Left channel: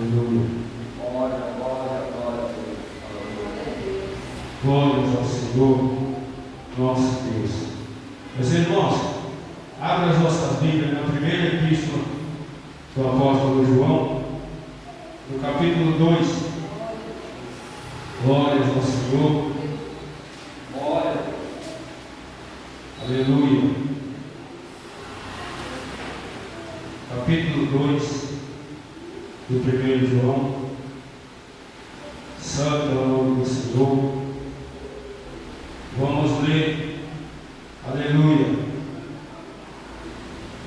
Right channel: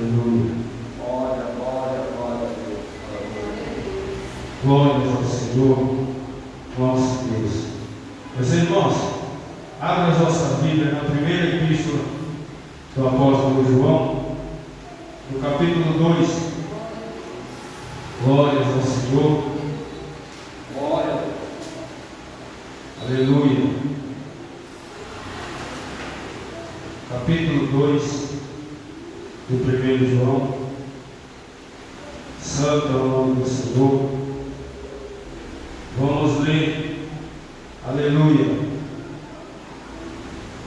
Aleluia. Glórias ao Senhor, nosso Deus. Meus irmãos, abra as vossas Bíblias na primeira epístola do apóstolo João, no capítulo 2. Glórias ao Senhor. Glória. Aleluia. Capítulo 2 do 1 João. Santo é o nome do Senhor. Vamos ler, aleluia,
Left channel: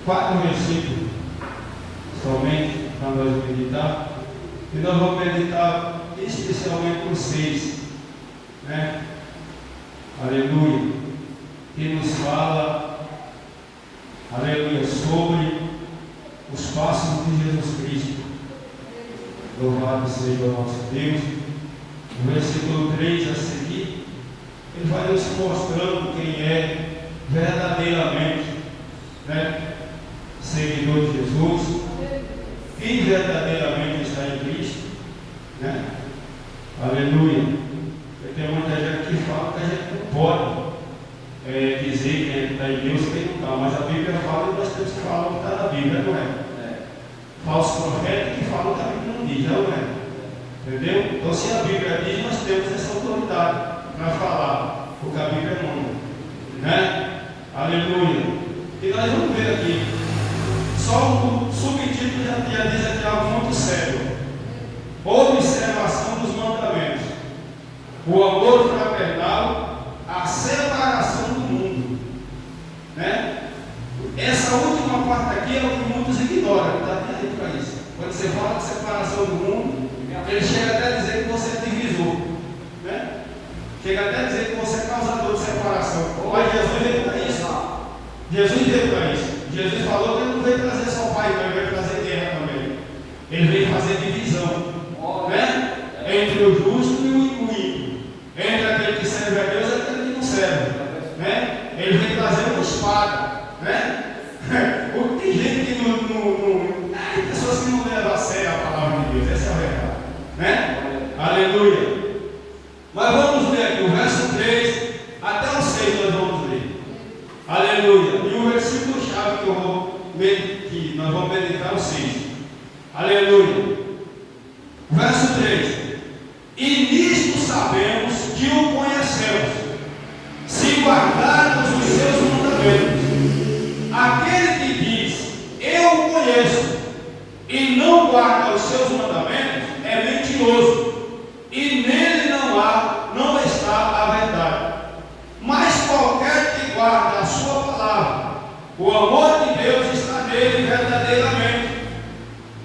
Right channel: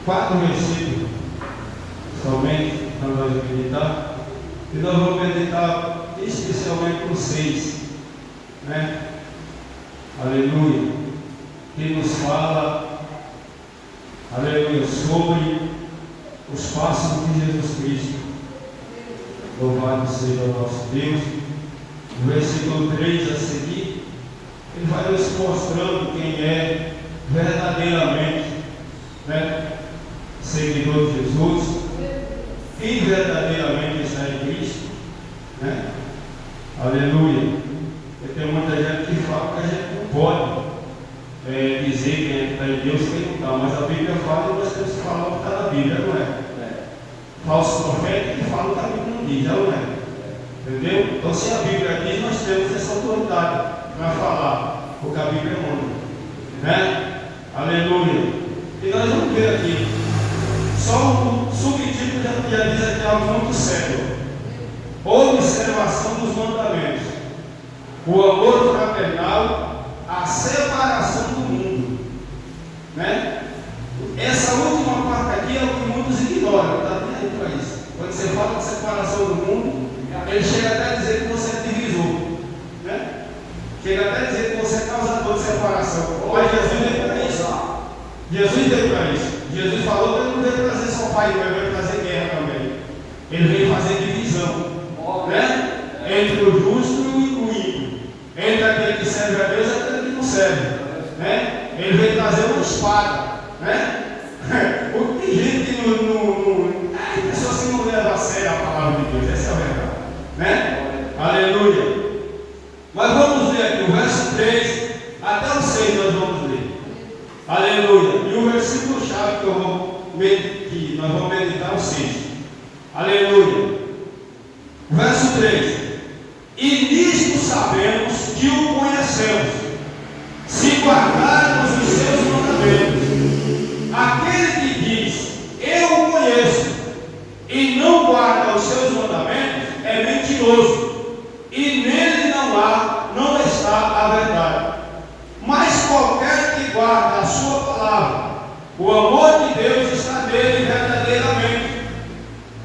4 versículos somente para nós meditar, e nós vamos meditar especialmente com 6, né? Aleluia, que nos fala, aleluia, sobre os passos de Jesus Cristo. Louvado seja o nosso Deus. No versículo 3 a seguir, ele vai nos mostrando quem é verdadeiramente, né, seguidor de Jesus, quem verdadeiramente está em Cristo, né? Aleluia. Porque tem muita gente que fala que a gente não pode dizer quem é que está em Deus e quem não está, mas a Bíblia fala e nós temos que falar o que está na Bíblia, não é? Falso profeta que fala o que a Bíblia não diz, não é? Entendeu? Então, se a Bíblia diz, nós temos essa autoridade para falar o que a Bíblia manda, né? Aleluia. E nós vamos ver aqui, só o subtítulo já diz aqui algo muito sério: observação dos mandamentos, o amor fraternal, a separação do mundo, né? Essa última parte aqui é o que muitos ignoram, está até aí para isso. Quando você fala de separação do mundo, ele chega até a dizer que você é divisor, né? Chega até a dizer que você é causador de separação. Mas Jesus veio para isso. Jesus veio para isso. Jesus falou que ele não veio trazer só pai, mas veio trazer guerra também. Ele veio fazer divisão, né? Entre o justo e o ímpio, entre aquele que serve a Deus e aquele que não serve, né? Ele veio trazer uma espada, né? Tem gente que tem pessoas que não levam a sério a palavra de Deus, essa é a verdade, né? Aleluia. Mas vamos ver aqui o verso 3 até o 6, nós vamos ler. Aleluia. E o versículo chave que nós vamos meditar é o 6. Aleluia. Verso 3: e nisto sabemos que o conhecemos, se guardarmos os seus mandamentos. Aquele que diz, eu o conheço, e não guarda os seus mandamentos, é mentiroso, e nele não está a verdade. Mas qualquer que guarda a sua palavra, o amor de Deus está nele verdadeiramente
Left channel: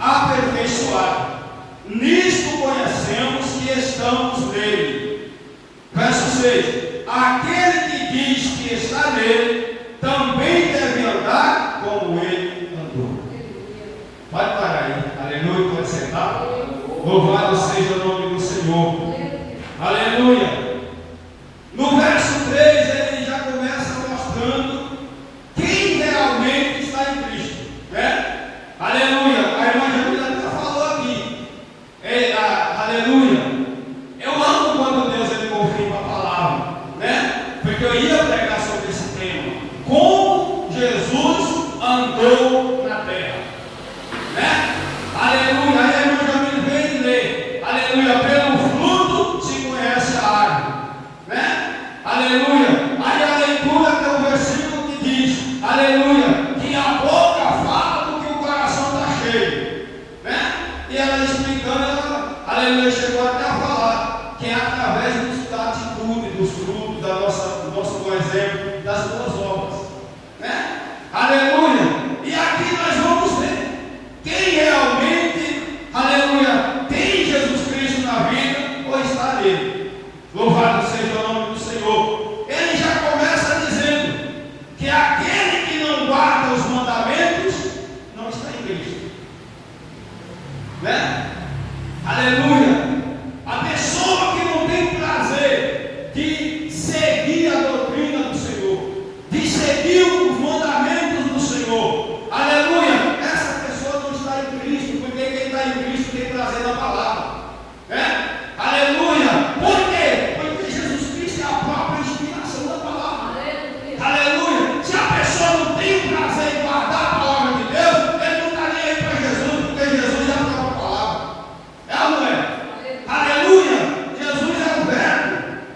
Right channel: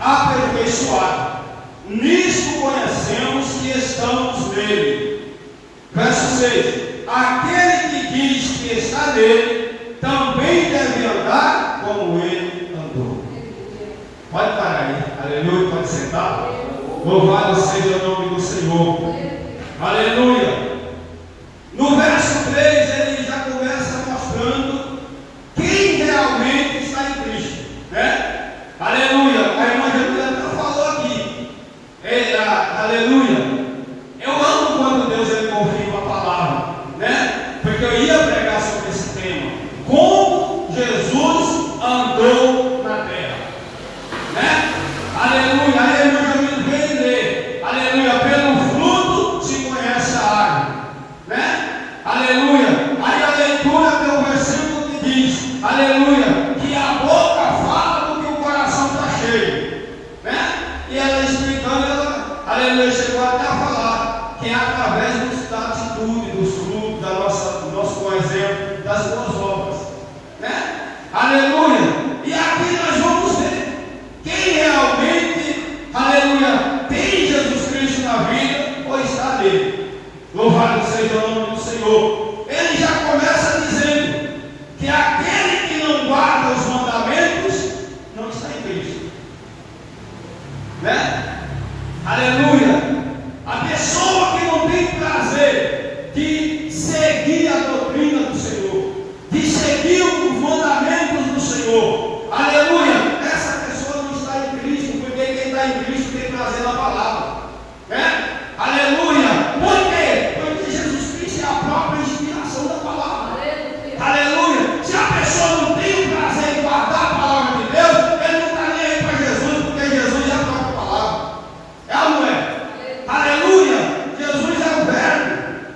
aperfeiçoado. Nisto conhecemos que estamos nele. Verso 6: aquele que diz que está nele, também deve andar como ele andou. Pode parar aí, aleluia, pode sentar. Louvado seja o nome do Senhor, aleluia. No verso 3 ele já começa mostrando quem realmente está em Cristo, né? Aleluia. A irmã Jamila já falou aqui, aleluia. Eu amo quando Deus ele confirma a palavra, né? Porque eu ia pregar sobre esse tema: como Jesus andou na terra, né? Aleluia. A irmã Jamila veio ler, aleluia, pelo fruto se conhece a árvore, né? Aleluia. Aí a leitura tem um versículo que diz, aleluia, que a boca fala do que o coração está cheio, né? E ela explicando, aleluia, chegou até a falar que é através da atitude, dos frutos, do nosso bom exemplo, das boas obras, né? Aleluia. E aqui nós vamos ver quem realmente, aleluia, tem Jesus Cristo na vida ou está nele. Louvado seja o nome do Senhor. Ele já começa dizendo que aquele que não guarda os mandamentos não está em Cristo, né? Aleluia. A pessoa que não tem o prazer de seguir a doutrina do Senhor, de seguir os mandamentos do Senhor, aleluia, essa pessoa não está em Cristo, porque quem está em Cristo tem prazer na palavra, né? Aleluia! Por quê? Porque Jesus Cristo é a própria inspiração da palavra. Aleluia! Se a pessoa não tem prazer em guardar a palavra de Deus, ele não está nem aí para Jesus, porque Jesus é a própria palavra. É ou não é? Aleluia! Jesus é o verbo,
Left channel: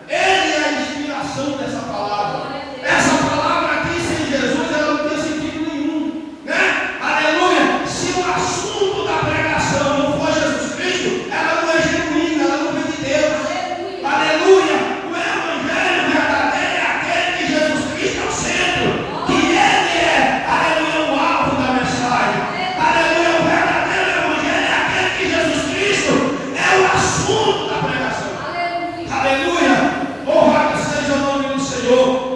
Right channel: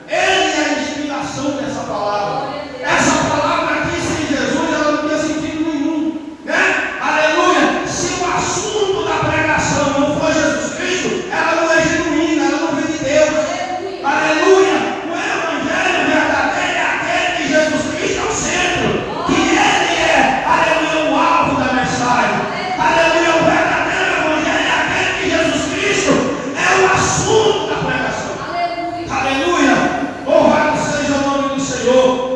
ele é a inspiração dessa palavra. Essa palavra aqui sem Jesus, ela não tinha sentido nenhum, né? Aleluia! Se o assunto da pregação não for Jesus Cristo, ela não é genuína, ela não vem de Deus. Aleluia! O evangelho verdadeiro é aquele que Jesus Cristo é o centro, que ele é, aleluia, o alvo da mensagem. Aleluia! O verdadeiro evangelho é aquele que Jesus Cristo é o assunto da pregação. Aleluia! Louvado seja o nome do Senhor.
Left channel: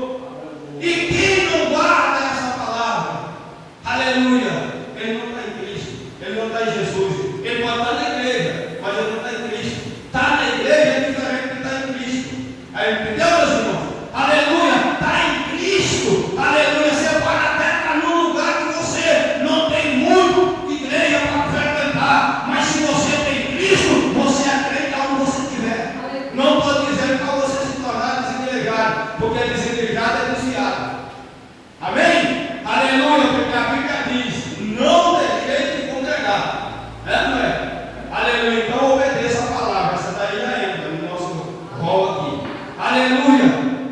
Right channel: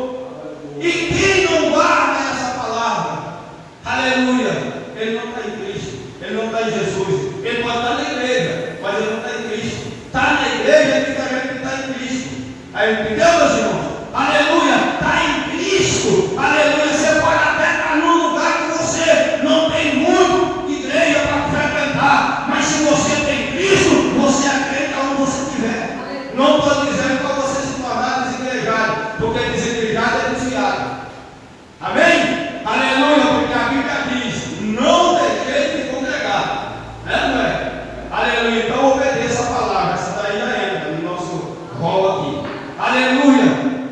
E quem não guarda essa palavra, aleluia, ele não está em Cristo, ele não está em Jesus. Ele pode estar na igreja, mas ele não está em Cristo. Está na igreja é diferente de estar em Cristo. Aí, entendeu, meus irmãos? Aleluia, está em Cristo. Aleluia, você pode até estar num lugar que você não tem muito igreja para frequentar, mas se você tem Cristo, você é crente onde você estiver. Não estou dizendo para você se tornar desigrejado, porque desigrejado é desviado. Amém? Aleluia, porque a Bíblia diz: não deixei de congregar. Não é? Aleluia, então obedeça a palavra. Essa daí já entra no nosso rol aqui. Aleluia,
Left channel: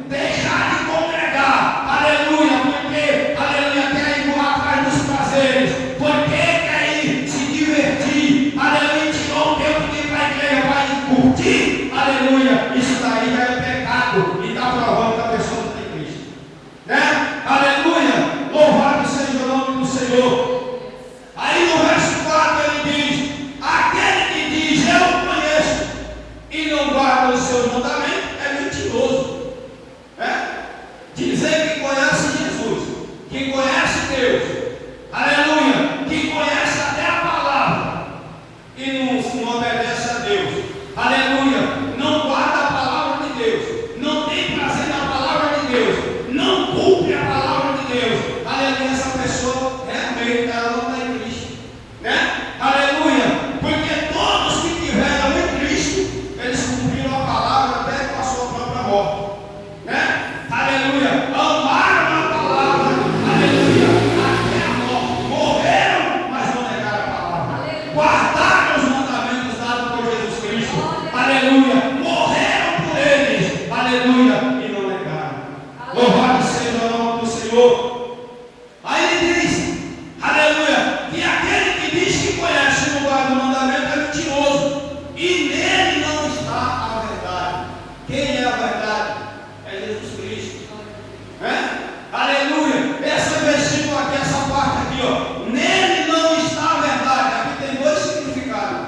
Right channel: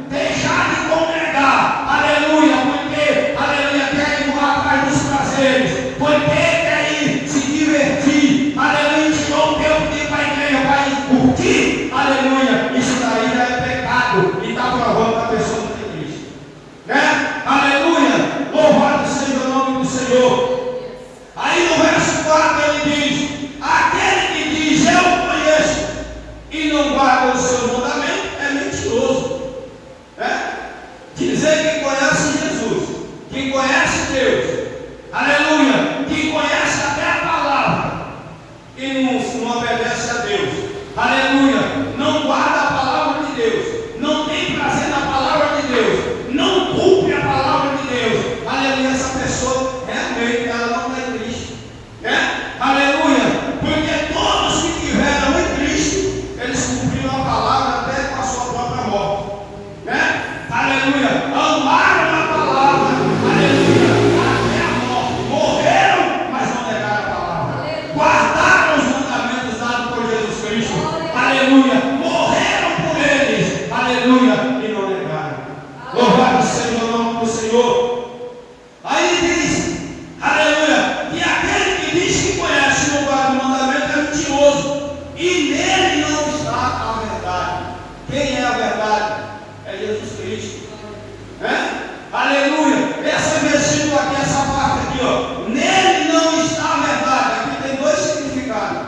deixar de congregar. Aleluia, porque, aleluia, quer ir atrás dos prazeres, porque quer ir se divertir. Aleluia, tirou o tempo de ir para a igreja para ir curtir. Aleluia, isso daí já é pecado e está provando que a pessoa não tem Cristo, né? Aleluia, louvado seja o nome do Senhor. Aí no verso 4 ele diz: aquele que diz eu conheço e não guarda os seus mandamentos é mentiroso, né? Dizer que conhece Jesus, que conhece Deus, aleluia, que conhece até a palavra e não obedece a Deus, aleluia, não guarda a palavra de Deus, não tem prazer na palavra de Deus, não cumpre a palavra de Deus, aleluia, essa pessoa realmente ela não está em Cristo, né? Aleluia, porque todos que tiveram em Cristo, eles cumpriram a palavra até com a sua própria morte, né? Aleluia, amaram a palavra, aleluia, até a morte, morreram, mas não negaram a palavra, guardaram os mandamentos dados por Jesus Cristo, aleluia, morreram por eles, aleluia, e não negaram. Louvado seja o nome do Senhor. Aí ele diz, aleluia, que aquele que diz que conhece o lugar do mandamento é mentiroso, e nele não está a verdade. Quem é a verdade? É Jesus Cristo, né? Aleluia, esse versículo aqui, essa parte aqui, ó, nele não está a verdade. Aqui tem dois significados:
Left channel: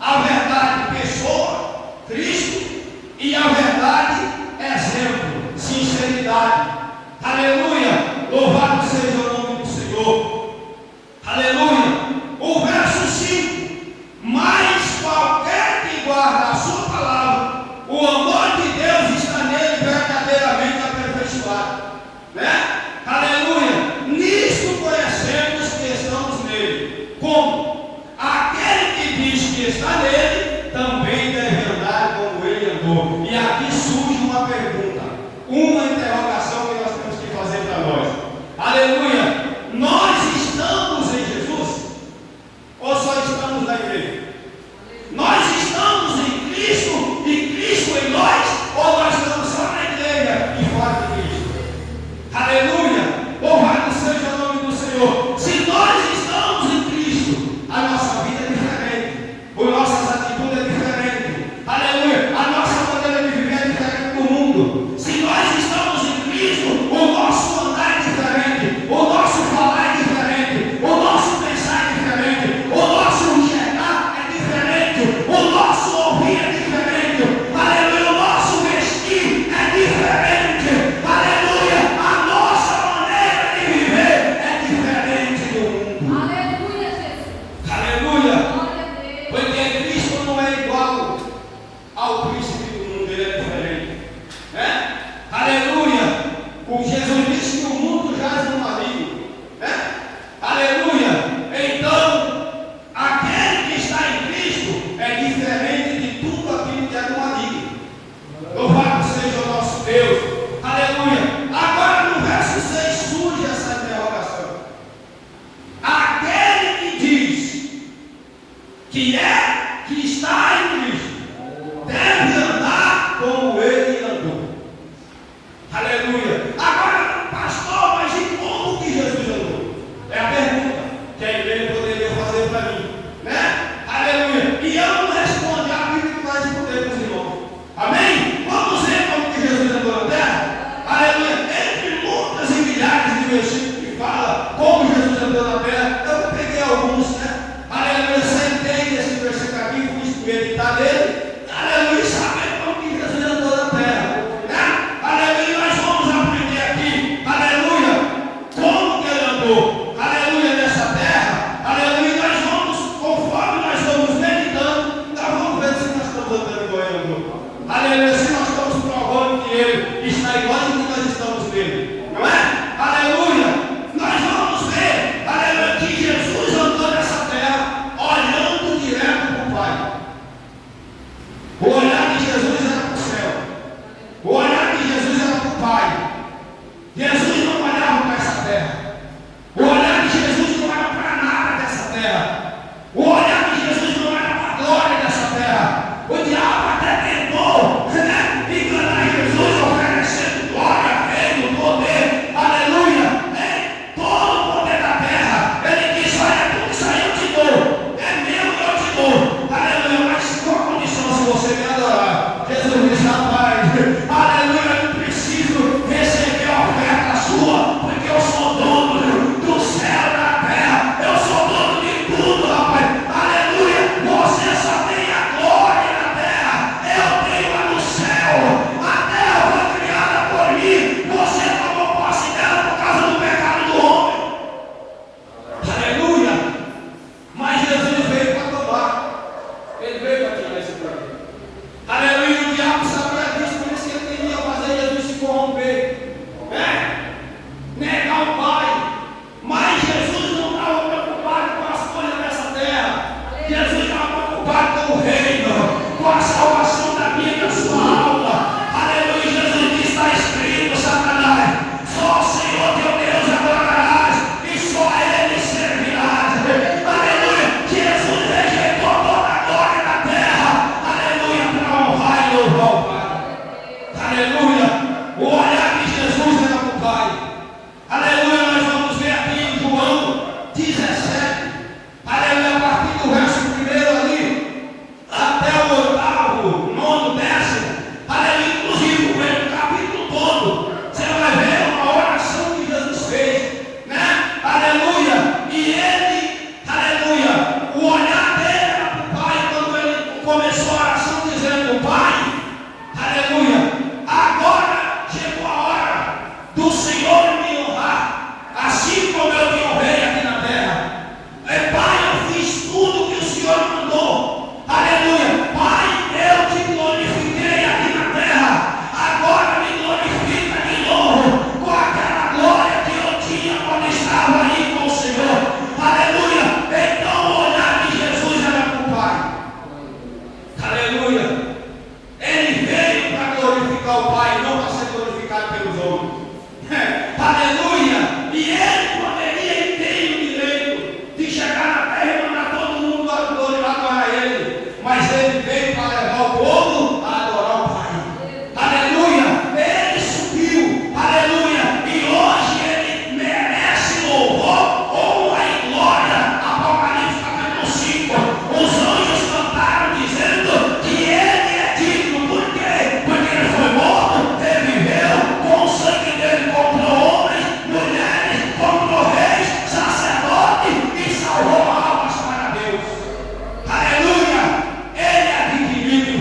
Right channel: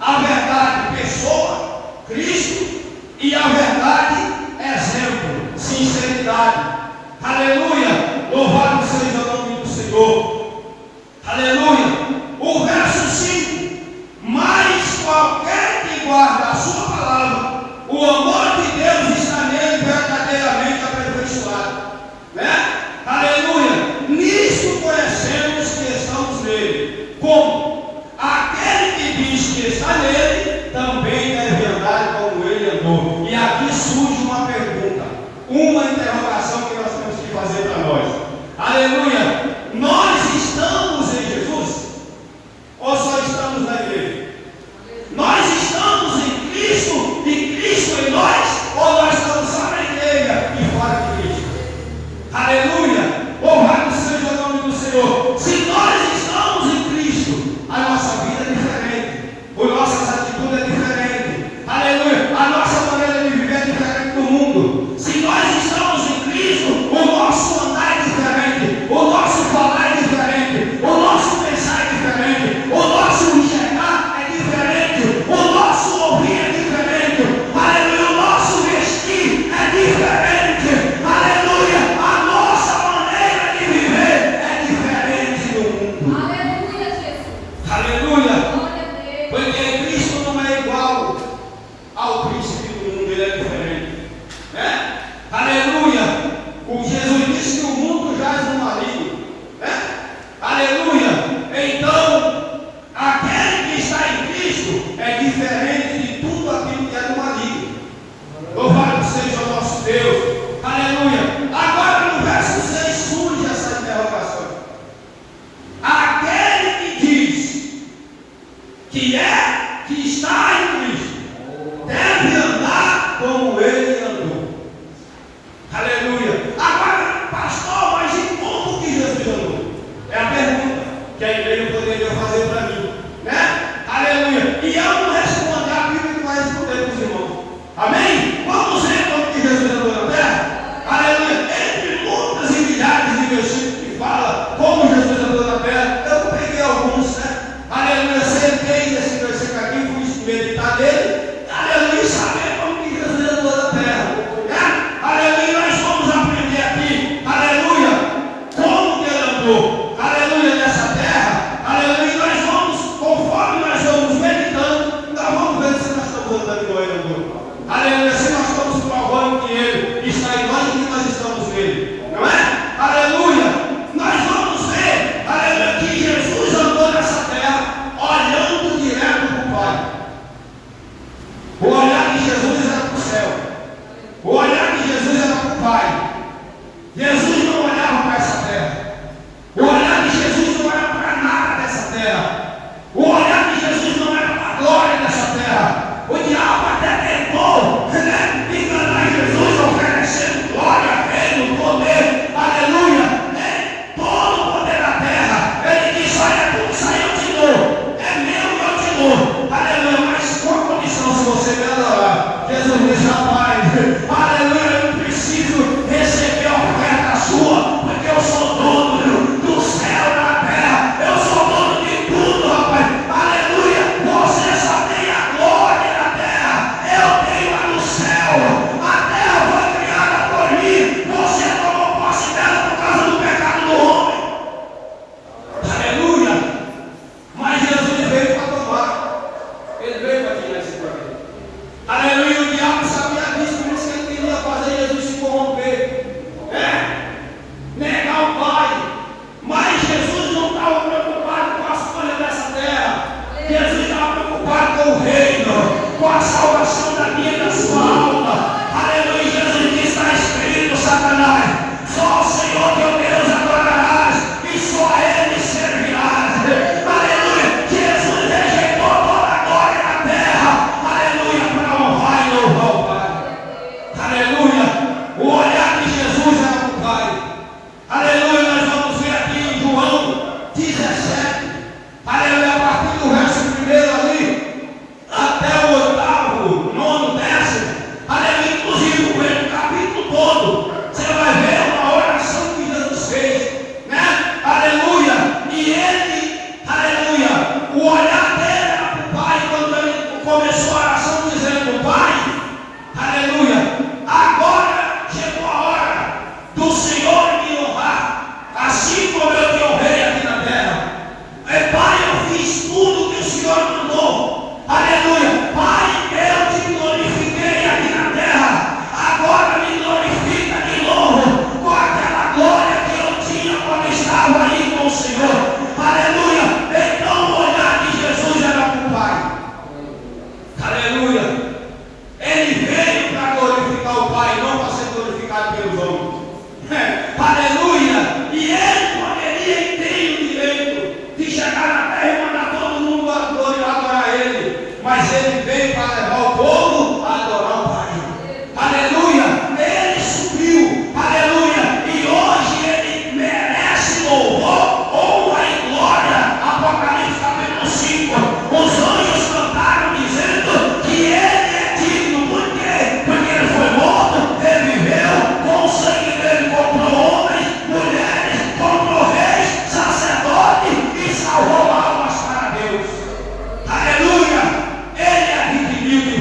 a verdade, pessoa, Cristo, e a verdade, exemplo, sinceridade. Aleluia, louvado seja o nome do Senhor. Aleluia, o verso 5: mas qualquer que guarda a sua palavra, o amor de Deus está nele verdadeiramente aperfeiçoado, né? Aleluia, nisto conhecemos que estamos nele. Como? Aquele que diz que está nele também deve andar como ele andou. E aqui surge uma pergunta, uma interrogação que nós temos que fazer para nós. Aleluia, nós estamos em Jesus ou só estamos na igreja? Nós estamos em Cristo e Cristo em nós, ou nós estamos só na igreja e fora de Cristo? Aleluia, louvado seja o nome do Senhor. Se nós estamos em Cristo, a nossa vida é diferente, as nossas atitudes é diferente, aleluia, a nossa maneira de viver é diferente do mundo. Se nós estamos em Cristo, o nosso andar é diferente, o nosso falar é diferente, o nosso pensar é diferente, o nosso enxergar é diferente, o nosso ouvir é diferente, aleluia, o nosso vestir é diferente, aleluia, a nossa maneira de viver é diferente do mundo. Aleluia, Jesus. Aleluia, Glória a Deus. porque Cristo não é igual ao príncipe do mundo, ele é diferente, né? Aleluia, o Jesus disse que o mundo jaz no maligno, né? Aleluia, então aquele que está em Cristo, que está em Cristo, deve andar como ele andou. Aleluia. Agora, pastor, mas e como que Jesus andou? É a pergunta que a igreja poderia fazer para mim, né? Aleluia. E eu não respondo, a Bíblia que vai responder para os irmãos. Amém? Vamos ver como que Jesus andou na terra? Aleluia. Entre muitas e milhares de versículos que fala como Jesus andou na terra, eu peguei alguns, né? Aleluia. Sentei nesse versículo aqui, fui meditar nele. Aleluia. Saber como que Jesus andou na terra, né? Aleluia. Nós vamos aprender aqui, aleluia, como que ele andou, aleluia, nessa terra, aleluia. Nós vamos, conforme nós vamos meditando, nós vamos ver se nós estamos andando igual ele andou. Aleluia, se nós estamos provando que ele está igual que nós estamos nele, não é? Aleluia, nós vamos ver, aleluia, que Jesus andou nessa terra olhando direto para o Pai. O olhar de Jesus era para o céu, o olhar de Jesus era para o Pai. Jesus não olhava para essa terra, o olhar de Jesus não era para nada dessa terra, o olhar de Jesus não era para a glória dessa terra. O diabo até tentou, né, enganar Jesus, oferecendo glória, reino, poder, aleluia, né, todo o poder da terra. Ele disse: olha, tudo isso aí eu te dou, é meu, eu te dou, aleluia, mas com a condição, se você me adorar. Jesus disse: rapaz, aleluia, eu não preciso receber a oferta sua, porque eu sou dono do céu e da terra, eu sou dono de tudo, rapaz, aleluia. Você só tem a glória na terra, eu tenho a no céu. A terra foi criada por mim, você tomou posse dela por causa do pecado do homem, aleluia. Mas Jesus veio para tomar, ele veio para tirar esse poder, aleluia. O diabo sabia disso, por isso que ele queria fazer Jesus se corromper, negar o Pai. Mas Jesus não estava preocupado com as coisas dessa terra, Jesus estava preocupado com o reino, com a salvação da minha e da sua alma, aleluia. Jesus disse: está escrito, Satanás, só o Senhor teu Deus adorarás e só a Ele servirás, aleluia. Jesus rejeitou toda a glória da terra, aleluia, para honrar e louvar o Pai, aleluia. O olhar de Jesus era para o Pai, aleluia. Nós vamos ver aqui em João 17, aleluia, a partir do verso 1 ali, até o 8º, 9º, 10º, aleluia, inclusive o capítulo todo, você vai ver uma oração que Jesus fez, né? Aleluia. E ele, aleluia, o olhar dele era para o Pai quando ele começou a oração dizendo: Pai, aleluia, agora chegou a hora do Senhor me honrar, assim como eu te honrei aqui na terra. Pai, eu fiz tudo que o Senhor mandou, aleluia. Pai, eu te glorifiquei aqui na terra, agora me glorifica de novo com aquela glória que eu tinha quando estava aí com o Senhor, aleluia. Então o olhar de Jesus era para o Pai, aleluia. Ele veio para glorificar o Pai, não para ser glorificado pelos homens, aleluia. E ele poderia e tem o direito de chegar na terra e mandar todo mundo adorar ele, mas ele veio para levar o povo a adorar o Pai, aleluia. Ele subiu, aleluia, e hoje ele merece louvor, honra e glória. Apocalipse capítulo 5, os anjos cantaram dizendo que ele é digno. Por quê? Porque ele foi morto, ele viveu, com o sangue dele comprou homens, mulheres, comprou reis, sacerdotes e salvou almas para Deus, aleluia. Ele é adquirido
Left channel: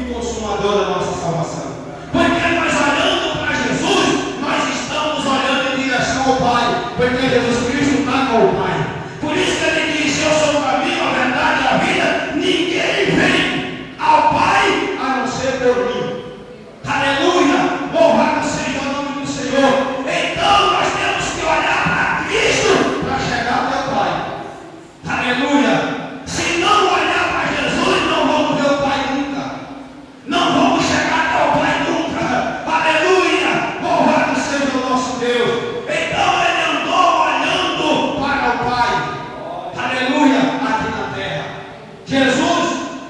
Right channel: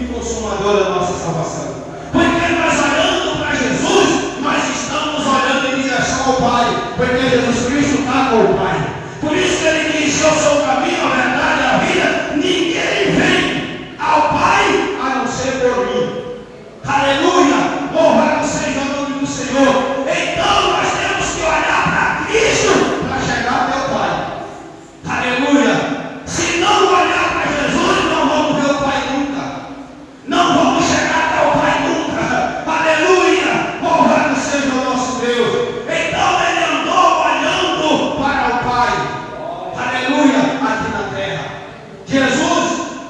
e consumador da nossa salvação. Porque nós olhando para Jesus, nós estamos olhando em direção ao Pai, porque Jesus Cristo está com o Pai. Por isso que ele diz: eu sou o caminho, a verdade e a vida, ninguém vem ao Pai a não ser por mim. Aleluia! Louvado seja o nome do Senhor. Então nós temos que olhar para Cristo para chegar até o Pai. Aleluia! Se não olhar para Jesus, não vamos ver o Pai nunca. Não vamos chegar até o Pai nunca. Aleluia! Louvado seja o nosso Deus. Então ele andou olhando para o Pai. Aleluia! Aqui na terra. Jesus,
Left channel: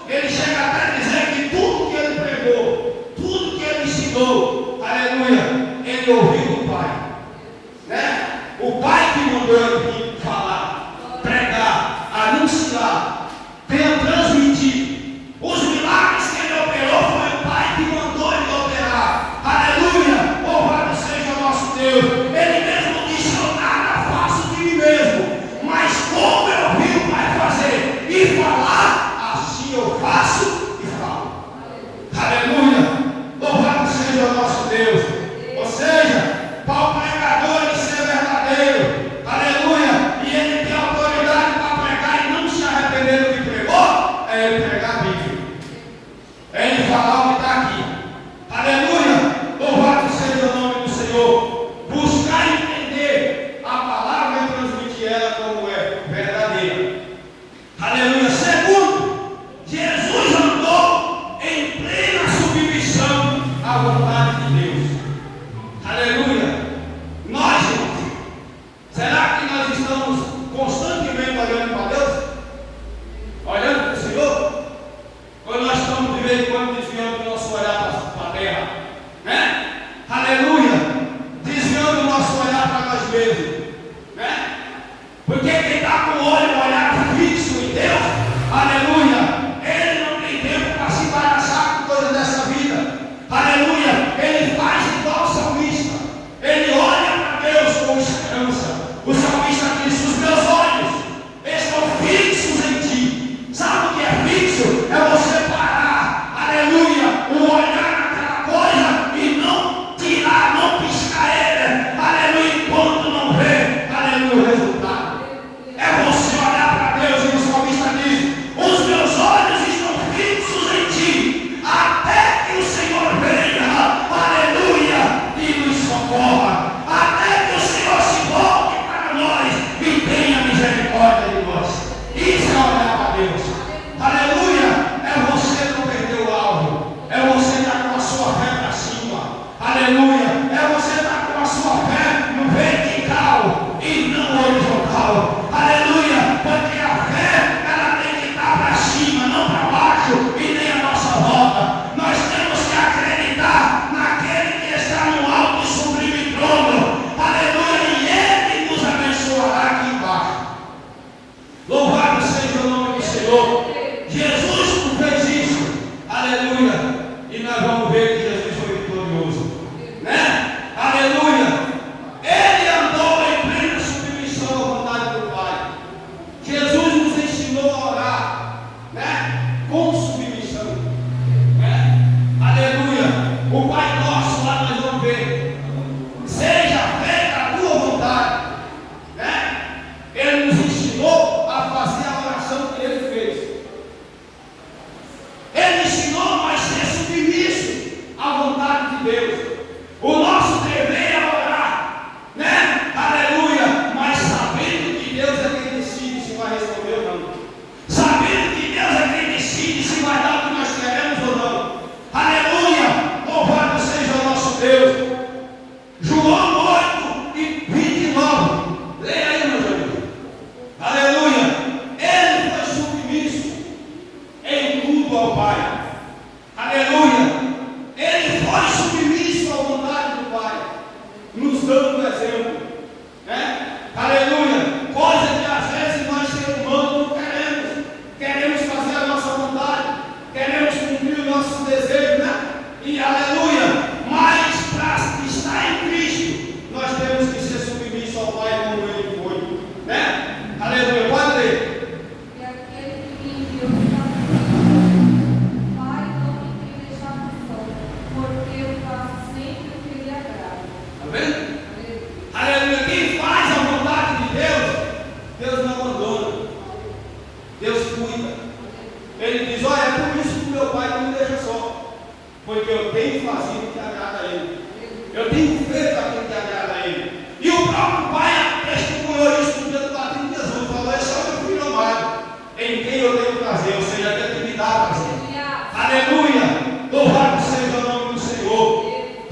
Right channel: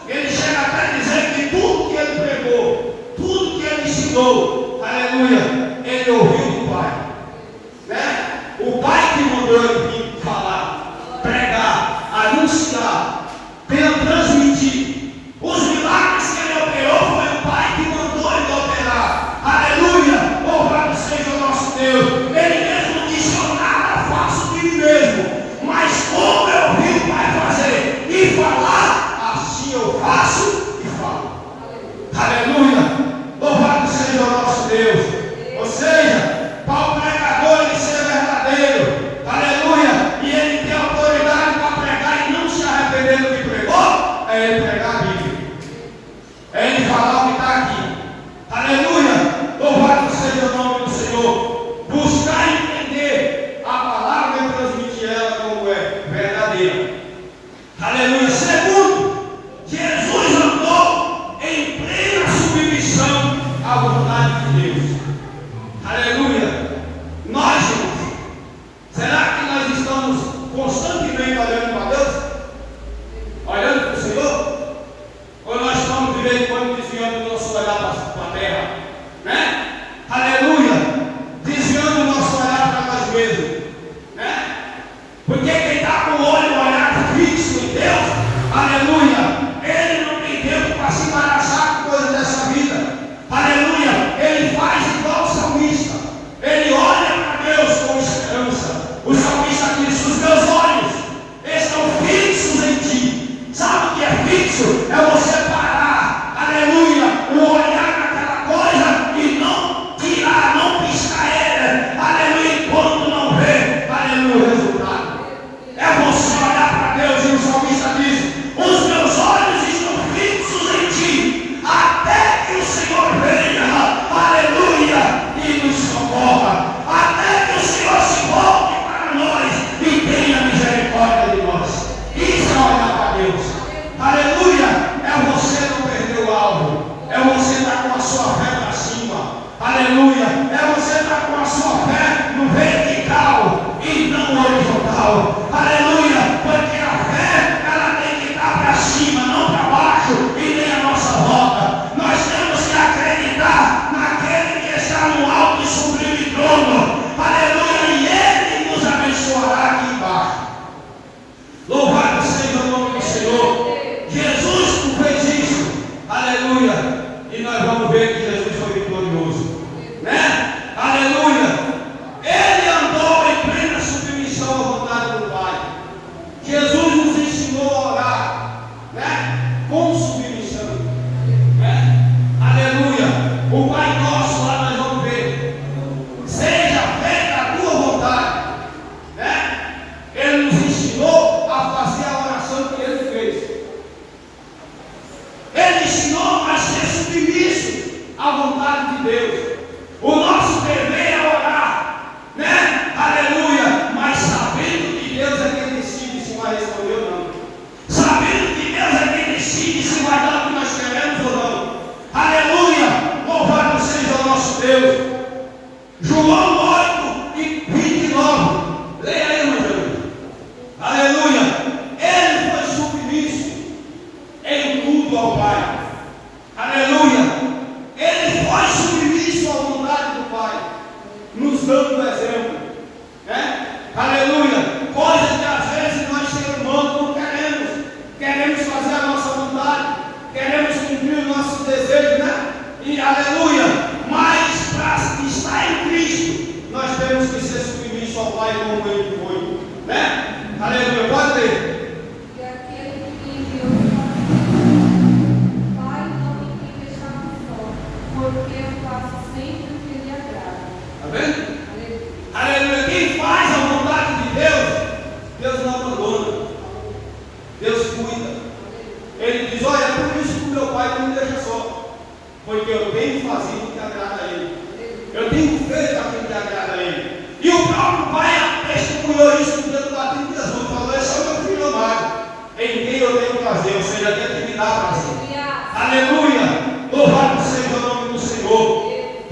ele chega até a dizer que tudo que ele pregou, tudo que ele ensinou, aleluia, ele ouviu do Pai. Né? O Pai que mandou ele vir falar, pregar, anunciar, transmitir. Os milagres que ele operou foi o Pai que mandou ele operar. Aleluia! Louvado seja o nosso Deus. Ele mesmo disse: eu nada faço de mim mesmo, mas como eu vi o Pai fazer e falar, assim eu faço e falo. Aleluia! Louvado seja o nosso Deus. Ou seja, para o pregador ele ser verdadeiro, aleluia, e ele ter autoridade para pregar e não se arrepender do que pregou, é ele pregar a Bíblia, é ele falar o que está aqui. Aleluia! Louvado seja o nome do Senhor. Buscar entender a palavra e transmitir ela como é verdadeira. Aleluia! Segundo, Jesus andou em plena submissão à vontade de Deus. Aleluia! Nós, irmãos, será que nós estamos constantemente olhando para Deus? Olhando para o Senhor? Ou nós estamos de vez em quando desviando o nosso olhar para a terra? Né? Aleluia! Desviando o nosso olhar para nós mesmos. Né? Porque quem está com o olho olhado fixo em Deus, aleluia, ele não tem tempo para se embaraçar com coisa dessa vida. Aleluia! Ele faz igual o salmista. Ele olha para Deus com esperança. O salmista diz: os meus olhos estão fixos em ti. Sabe o que é fixo? É você parar, aleluia, o olhar naquela coisa e não tirar, não piscar ele, aleluia, enquanto não vê, aleluia, o resultado. É você olhar para Deus, e o salmista diz: os meus olhos estão fixos em ti, até que o Senhor venha, aleluia, e nos socorra, até que o Senhor se volte para nós e tenha misericórdia de nós. Isso é olhar para Deus. Aleluia! É você não perder o alvo, é você estar com a sua fé para cima. Aleluia! É você estar com a sua fé no vertical e não horizontal. Aleluia! Porque a fé, ela tem que estar para cima, não para baixo e nem a nossa volta. Nós temos que acreditar naquele que está no alto e sublime trono. Aleluia! E ele nos abençoará aqui embaixo. Louvado seja o nome do Senhor. Jesus fez isso, aleluia, e nós vamos ver que Jesus foi vitorioso, né? Aleluia! Ele andou em plena submissão à vontade do Pai. Jesus nos ensinou a orar, né? Com submissão, né? Aleluia! O Pai Nosso lá nós vamos ver: seja feita a tua vontade, né? Ele nos ensinou a fazer a oração que ele fez. Ele ensinou a ser submisso à vontade de Deus. O nosso dever é orar, né? Aleluia! Mas sabendo que Deus é quem decide se vai responder ou não. Sabendo que Deus é quem decide se vai dar o que nós queremos ou não. Aleluia! Louvado seja o nosso Deus. João 8 e 29. Leia aí, meu Deus. Aleluia! Ele foi submisso em tudo ao Pai. Aleluia! Ele foi submisso à vontade do Pai, nos dando o exemplo, né? Aleluia! Coisa que às vezes nós, seres humanos, não queremos. Queremos fazer a nossa vontade, queremos cumprir o nosso desejo, né? E aleluia! Mas para estar em Cristo, nós temos que ser submissos ao Pai como Ele foi, né? Aleluia! Pode ler. E aquele que enviou o Pai não Porque eu faço sempre o que lhe agrada. Está vendo? Aleluia. Quem faz a vontade de Deus, Deus não abandona. Deus cuida. Ele diz: olha, é por isso que o meu pai não me deixa só. Porque eu tenho fazido o que agrada a ele. Eu tenho feito aquilo que agrada a ele. E o próprio pai testemunhou isso no dia do batismo de Jesus. Falou: esse é o meu filho amado, em quem eu tenho prazer. Ou seja, aquele que me dá prazer. Aleluia. Louvado seja o nome do Senhor.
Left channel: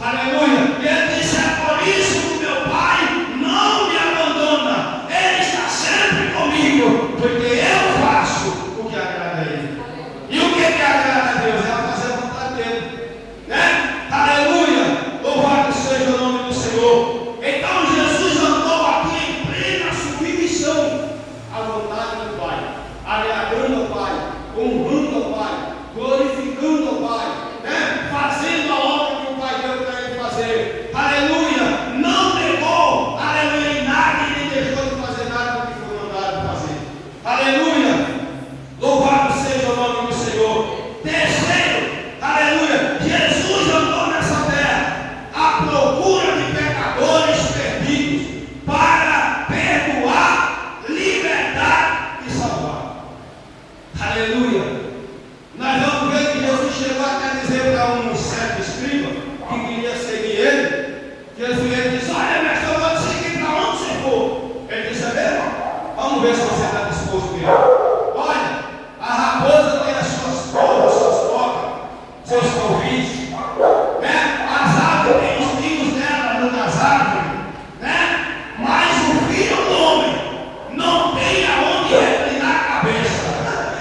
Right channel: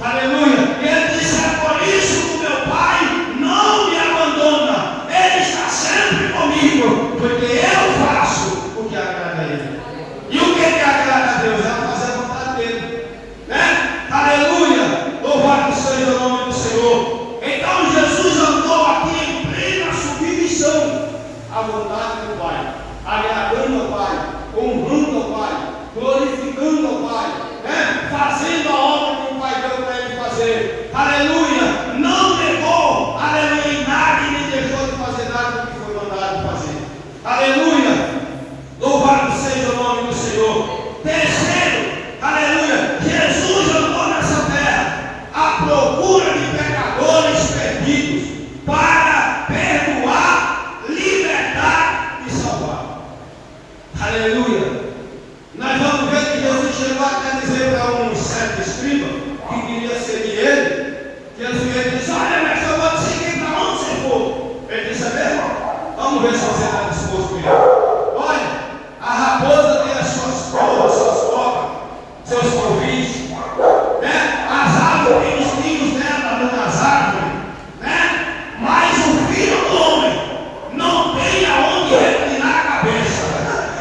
Aleluia. E ele disse: é por isso que o meu pai não me abandona. Ele está sempre comigo. Porque eu faço o que agrada a ele. E o que agrada a Deus? É fazer a vontade dele. Né? Aleluia. Louvado seja o nome do Senhor. Então Jesus andou aqui em plena submissão à vontade do Pai, agradando ao Pai, honrando ao Pai, glorificando ao Pai, né? Fazendo a obra que o Pai deu para ele fazer. Aleluia. Não negou, aleluia, em nada e nem deixou de fazer nada do que foi mandado fazer. Aleluia. Louvado seja o nome do Senhor. Terceiro, aleluia, Jesus andou nessa terra à procura de pecadores perdidos para perdoar, libertar e salvar. Aleluia. Nós vamos ver que Jesus chegou até dizer para um certo escriba que queria seguir ele. Jesus disse: olha, mas eu vou te seguir para onde você for. Ele disse: é mesmo? Vamos ver se você está disposto a ir. Olha, a raposa tem as suas cobras, suas cobras, seus convites, né? As árvores têm os ninhos dela nas árvores, né? Mas o filho do homem não tem aonde reclinar a cabeça.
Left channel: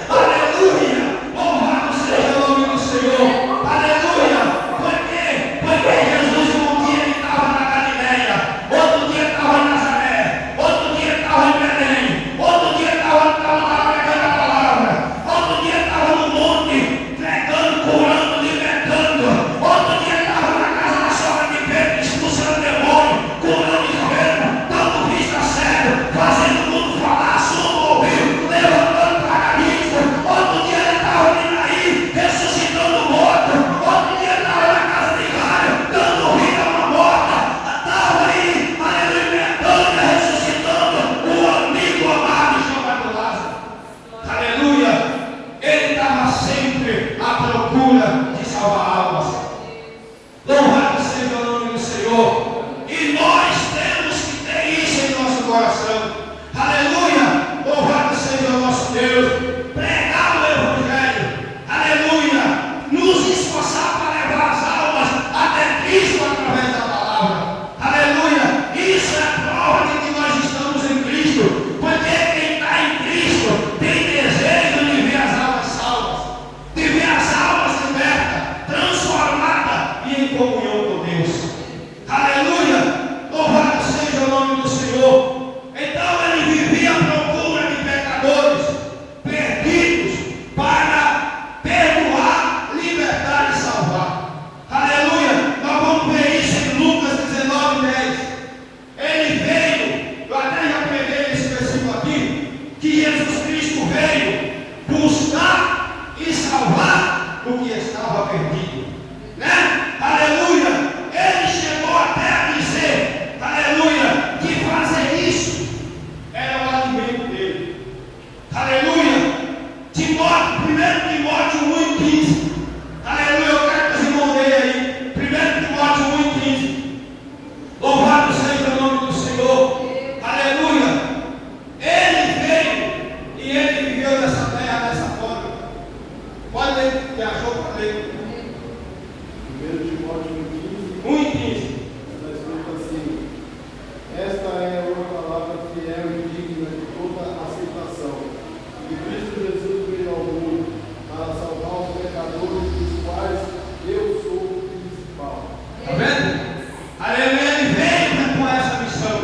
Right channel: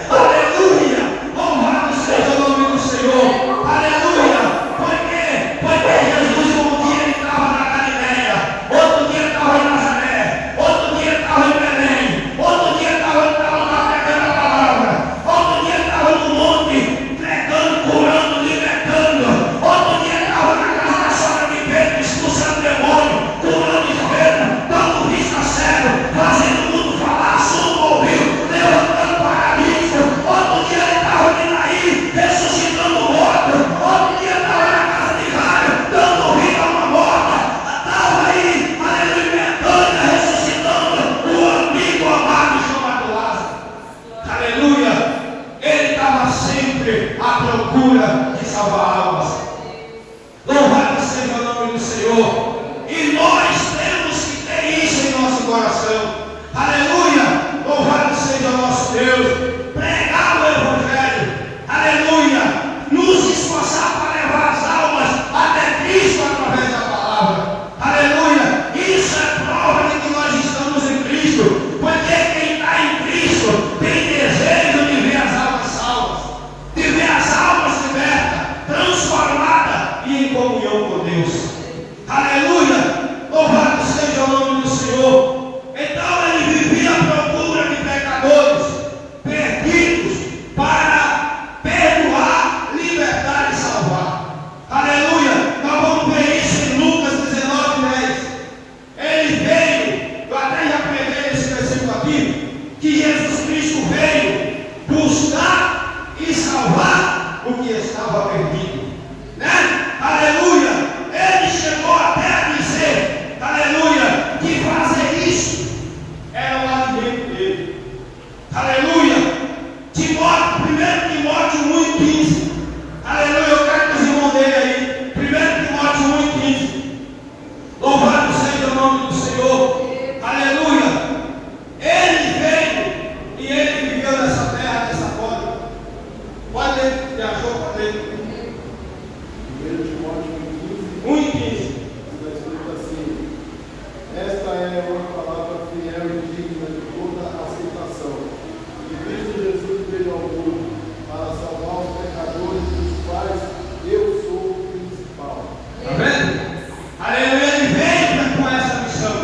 Aleluia! Louvado seja o nome do Senhor. Aleluia! Por quê? Porque Jesus um dia ele estava na Galileia, outro dia estava em Nazaré, outro dia estava em Belém, outro dia estava lá pregando a palavra, outro dia estava no monte pregando, curando, libertando, outro dia estava na casa da sogra de Pedro expulsando demônio, curando enfermo, dando vista cego, fazendo o mundo falar, surdo ouvido, levantando paralítico. Outro dia ele estava ali na ilha, ressuscitando morto. Outro dia estava na casa de Jairo, dando vida a uma morta. Estava aí, aleluia, Betânia, ressuscitando o amigo amado chamado Lázaro. Aleluia. Ele estava sempre à procura de salvar almas. Louvado seja o nome do Senhor. E nós temos que ter isso em nosso coração. Aleluia. Louvado seja o nosso Deus. Pregar o Evangelho. Aleluia. Nos esforçar para levar as almas até Cristo através da palavra. Aleluia. Isso é prova de que nós estamos em Cristo. Porque quem está em Cristo tem desejo de ver as almas salvas, de ver as almas libertas, transformadas e em comunhão com Deus. Aleluia. Louvado seja o nome do Senhor. Então ele vivia à procura de pecadores perdidos para perdoar, libertar e salvar. Aleluia. Nós vamos ver isso em Lucas 19:10. Ele veio, eu até já preguei esse versículo aqui, que Jesus Cristo veio buscar e salvar o que estava perdido, né? Aleluia. Ele chegou até a dizer, aleluia, que fazer isso era o alimento dele. Aleluia. Timóteo, 1 Timóteo 1:15. Aleluia. Eu quero que os irmãos deem aí. 1 Timóteo 1:15. Louvado seja o nome do Senhor. Aleluia. Ele veio e ele viveu nessa terra dessa forma. Pode ler, que achou para ler. 1 Timóteo 1:15. 1:15. Está escrito assim: esta é uma palavra fiel e digna de toda aceitação. Que Cristo Jesus veio ao mundo para salvar os pecadores, dos quais eu sou o principal. Está vendo? Aleluia. Ele veio com essa missão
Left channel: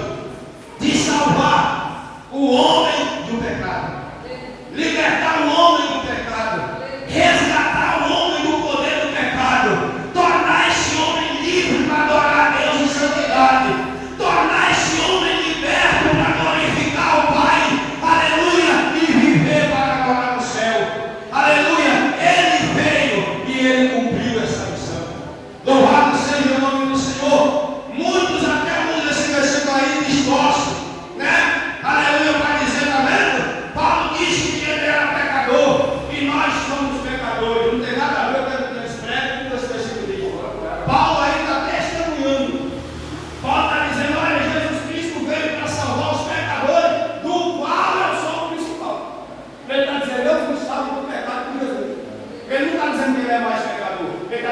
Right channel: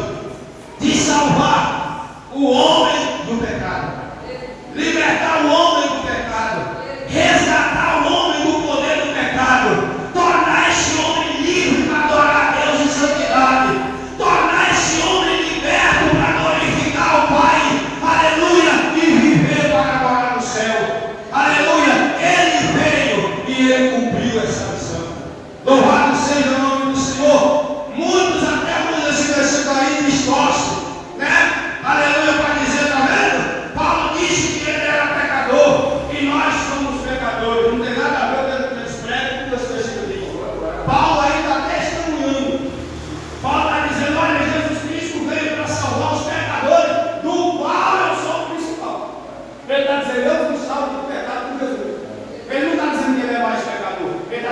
de salvar o homem do pecado, libertar o homem do pecado, resgatar o homem do poder do pecado, tornar esse homem livre para adorar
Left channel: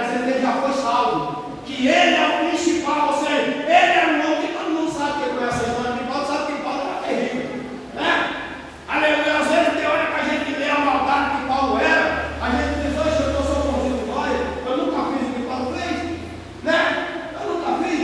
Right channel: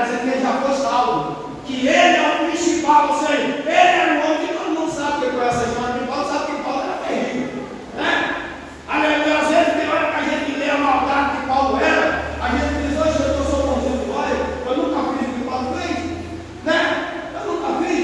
mas ele já foi salvo. Que ele é o principal, ou seja, ele era um homem que todo mundo sabe que foi essa história de Paulo, sabe que Paulo era terrível, né? Aleluia, às vezes tem hora que a gente lê a maldade que Paulo era, a gente diz, hoje eu sou bonzinho de glória, eu nunca fiz o que Paulo fez, né? Eu nunca fiz.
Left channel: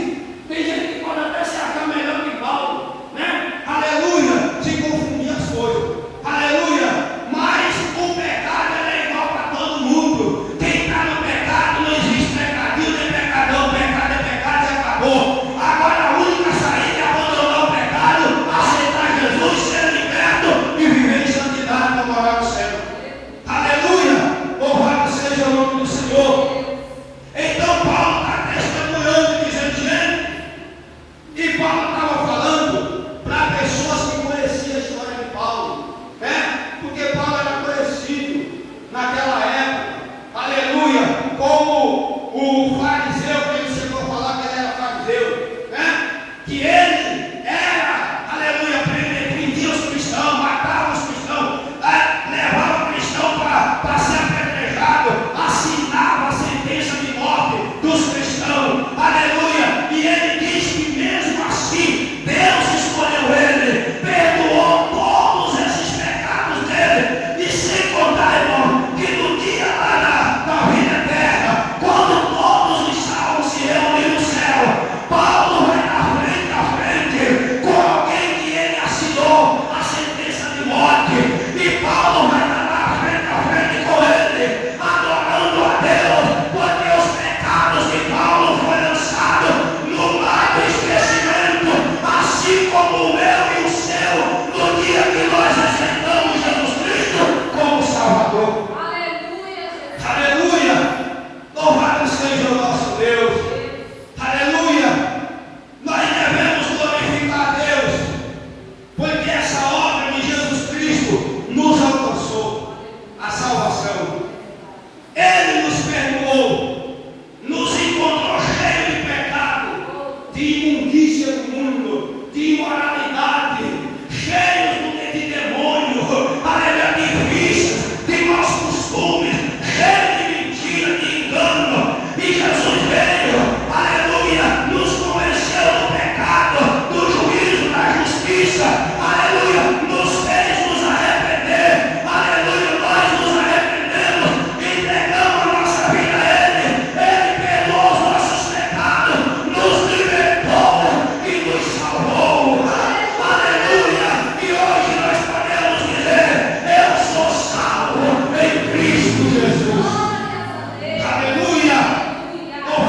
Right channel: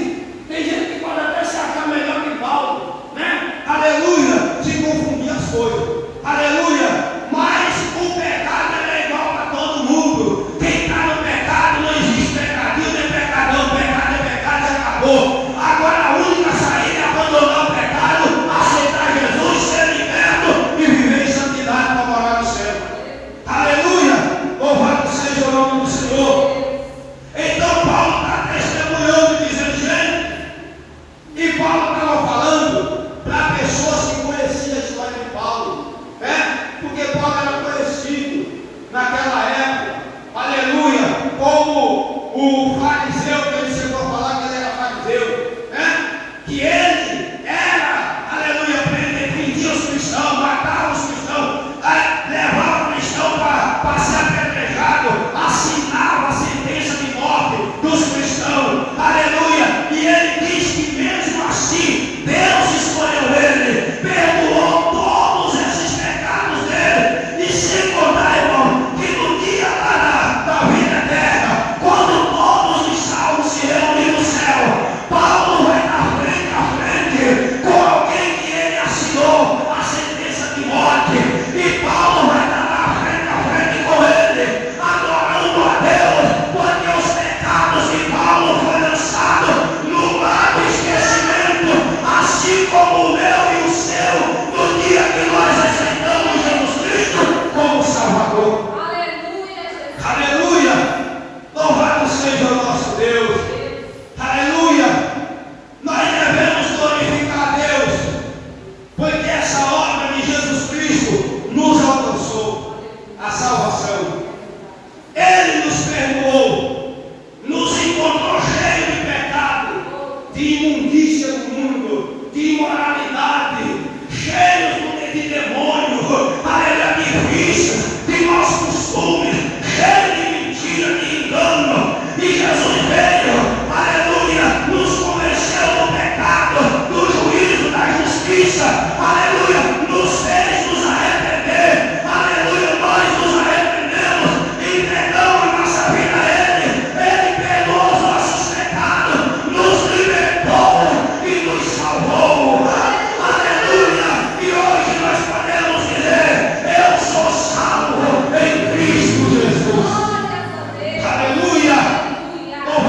Tem gente que pode até se achar melhor que Paulo, né? Aleluia, se confundir as coisas. Aleluia, mas o pecado é igual para todo mundo. Quem está no pecado não existe pecadinho nem pecadão. Pecado é pecado e acabou. Agora a única saída é abandonar o pecado, aceitar Jesus, ser liberto e viver em santidade para morar no céu. Aleluia, louvado seja o nome do Senhor. Então Paulo está testemunhando e dizendo, gente, e Paulo estava falando para pessoas que conheciam a história de Paulo, né? Porque Paulo era conhecido naquela época, aleluia, como o fariseu, que ele chegou a falar que ele era fariseu, né? Que ele era, aleluia, prendia os cristãos, matava os cristãos, levava cristão para ser apedrejado, assinava a sentença de morte dos cristãos, aleluia, e ele diz que mesmo assim, Deus escolheu ele, perdoou todos esses pecados dele, e sem contar, irmão, que no dia lá da vida eterna, quando todos os salvos se reúnem no céu, Paulo vai na frente, com alguém que ele assinou a sentença de morte, e Paulo vai estar na frente com ele, adorando a Deus, porque os pecados de Paulo foram lançados no mar do esquecimento, assim como o meu e o seu, no dia que nós aceitamos Jesus Cristo como Salvador. Aleluia, Jesus. Aleluia! Louvado seja o nosso Deus. Aleluia! Nós devemos glorificar a Deus, porque essa obra de Jesus Cristo nos alcançou a salvação. Ele nos perdoou, nos encontrou cheio de pecado, de imundícia do mundo, de imoralidade, cheios de demônio, aleluia, de vícios, de maus costumes, cheio de mentira, de engano. E Jesus veio, aleluia, nos convenceu do pecado, do juízo, da justiça, aleluia, nos fez nos arrepender, aleluia, nós nos arrependemos, entregamos a nossa vida a Ele perdoou os nossos pecados, nos libertou e nos salvou, aleluia, e hoje nós podemos dizer, eu sou salvo em Cristo Jesus. Glória a Deus. Aleluia! Aleluia.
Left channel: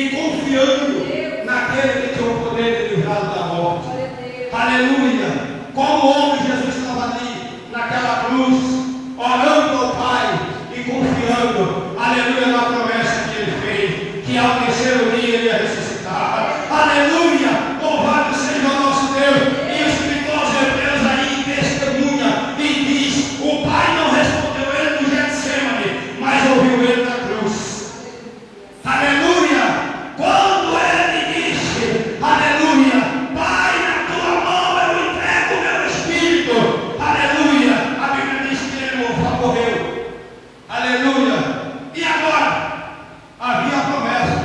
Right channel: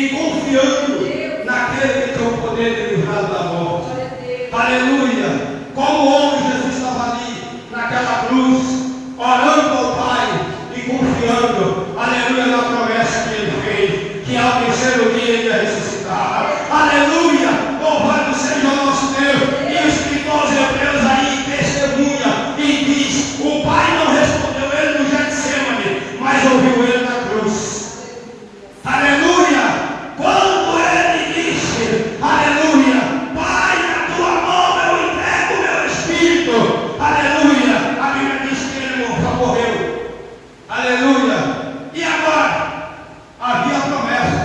e confiando naquele que tem o poder de livrar da morte. Aleluia! Como o homem Jesus estava ali, naquela cruz, orando ao Pai e confiando, aleluia, na promessa que ele fez, que ao terceiro dia ele ia ressuscitar. Aleluia! Louvado seja o nosso Deus! E o escritor aos Hebreus aí testemunha e diz: o Pai não respondeu ele no Getsemane, mas ouviu ele na cruz. Aleluia! Quando ele disse, aleluia, Pai, na tua mão eu entrego o meu espírito, aleluia, a Bíblia diz que ele morreu. Aleluia! E agora? Havia a promessa.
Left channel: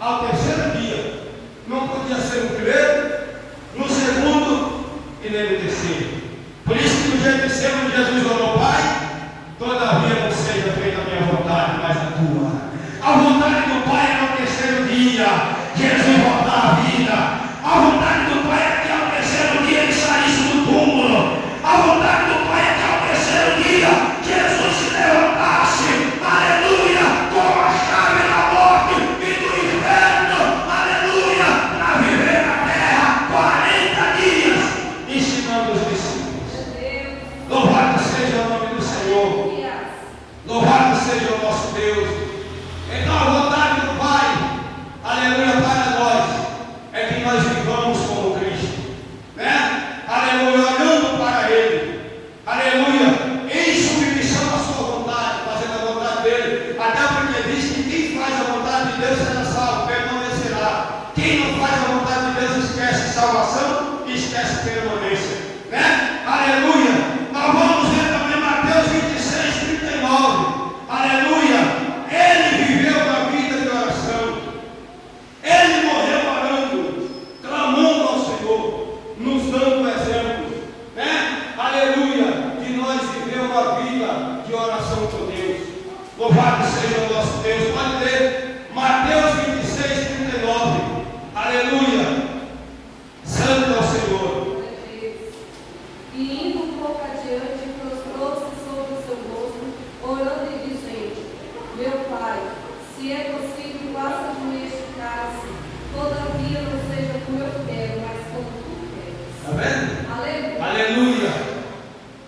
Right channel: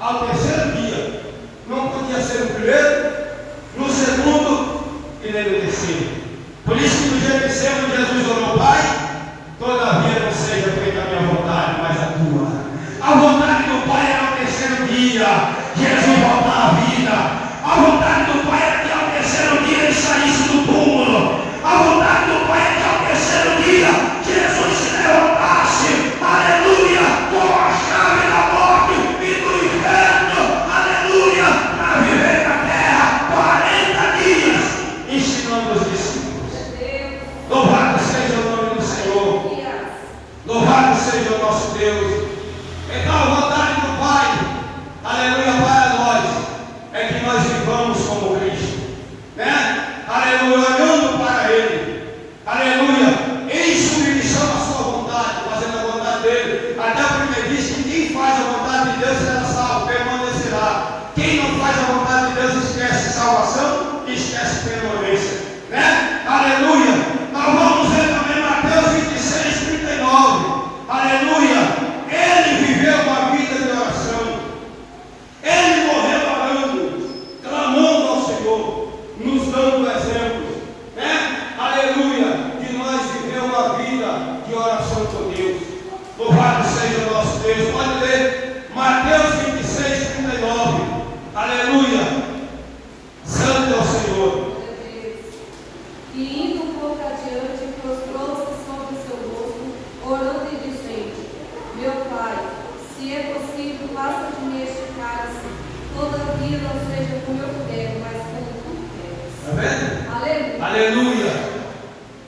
Ao terceiro dia, não podia ser o primeiro, no segundo e nem no terceiro. Por isso que no Getsemane Jesus orou: Pai, todavia não seja feita a minha vontade, mas a tua. A vontade do Pai é no terceiro dia Jesus voltar à vida. A vontade do Pai é que ao terceiro dia ele saísse do túmulo. A vontade do Pai é que ao terceiro dia Jesus se levantasse, aleluia, com a chave da morte e do inferno, aleluia, para viver na terra 40 dias, ensinando os discípulos. Louvado seja o nome do Senhor. Louvado seja o nosso Deus. Então a vontade do Pai, aleluia, para nós, é que nós vivamos como Cristo, né? Aleluia, olhando para Ele, aleluia, em submissão à sua vontade, fazendo a vontade dEle, até porque diz que quem faz a vontade de Deus será salvo, permanecerá. Quem não faz a vontade de Deus esquece salvação e esquece permanência, né? Aleluia. Nós vamos ver também Mateus 26, 39, aleluia. Ele viveu uma vida de oração. Ele morreu orando, clamando ao Senhor, nos dando exemplo, né? Aleluia, de nós viver uma vida de oração com Deus. Louvado seja o nosso Deus. Pode ler Mateus 26, 39. Aleluia. Santo é o Senhor. E indo um pouco adiante, prostrou-se sobre o seu rosto, orando e dizendo: Meu Pai, se é possível, basta de mim este cálice, todavia não seja como eu quero, mas como tu queres. Amém? Aleluia. Aleluia.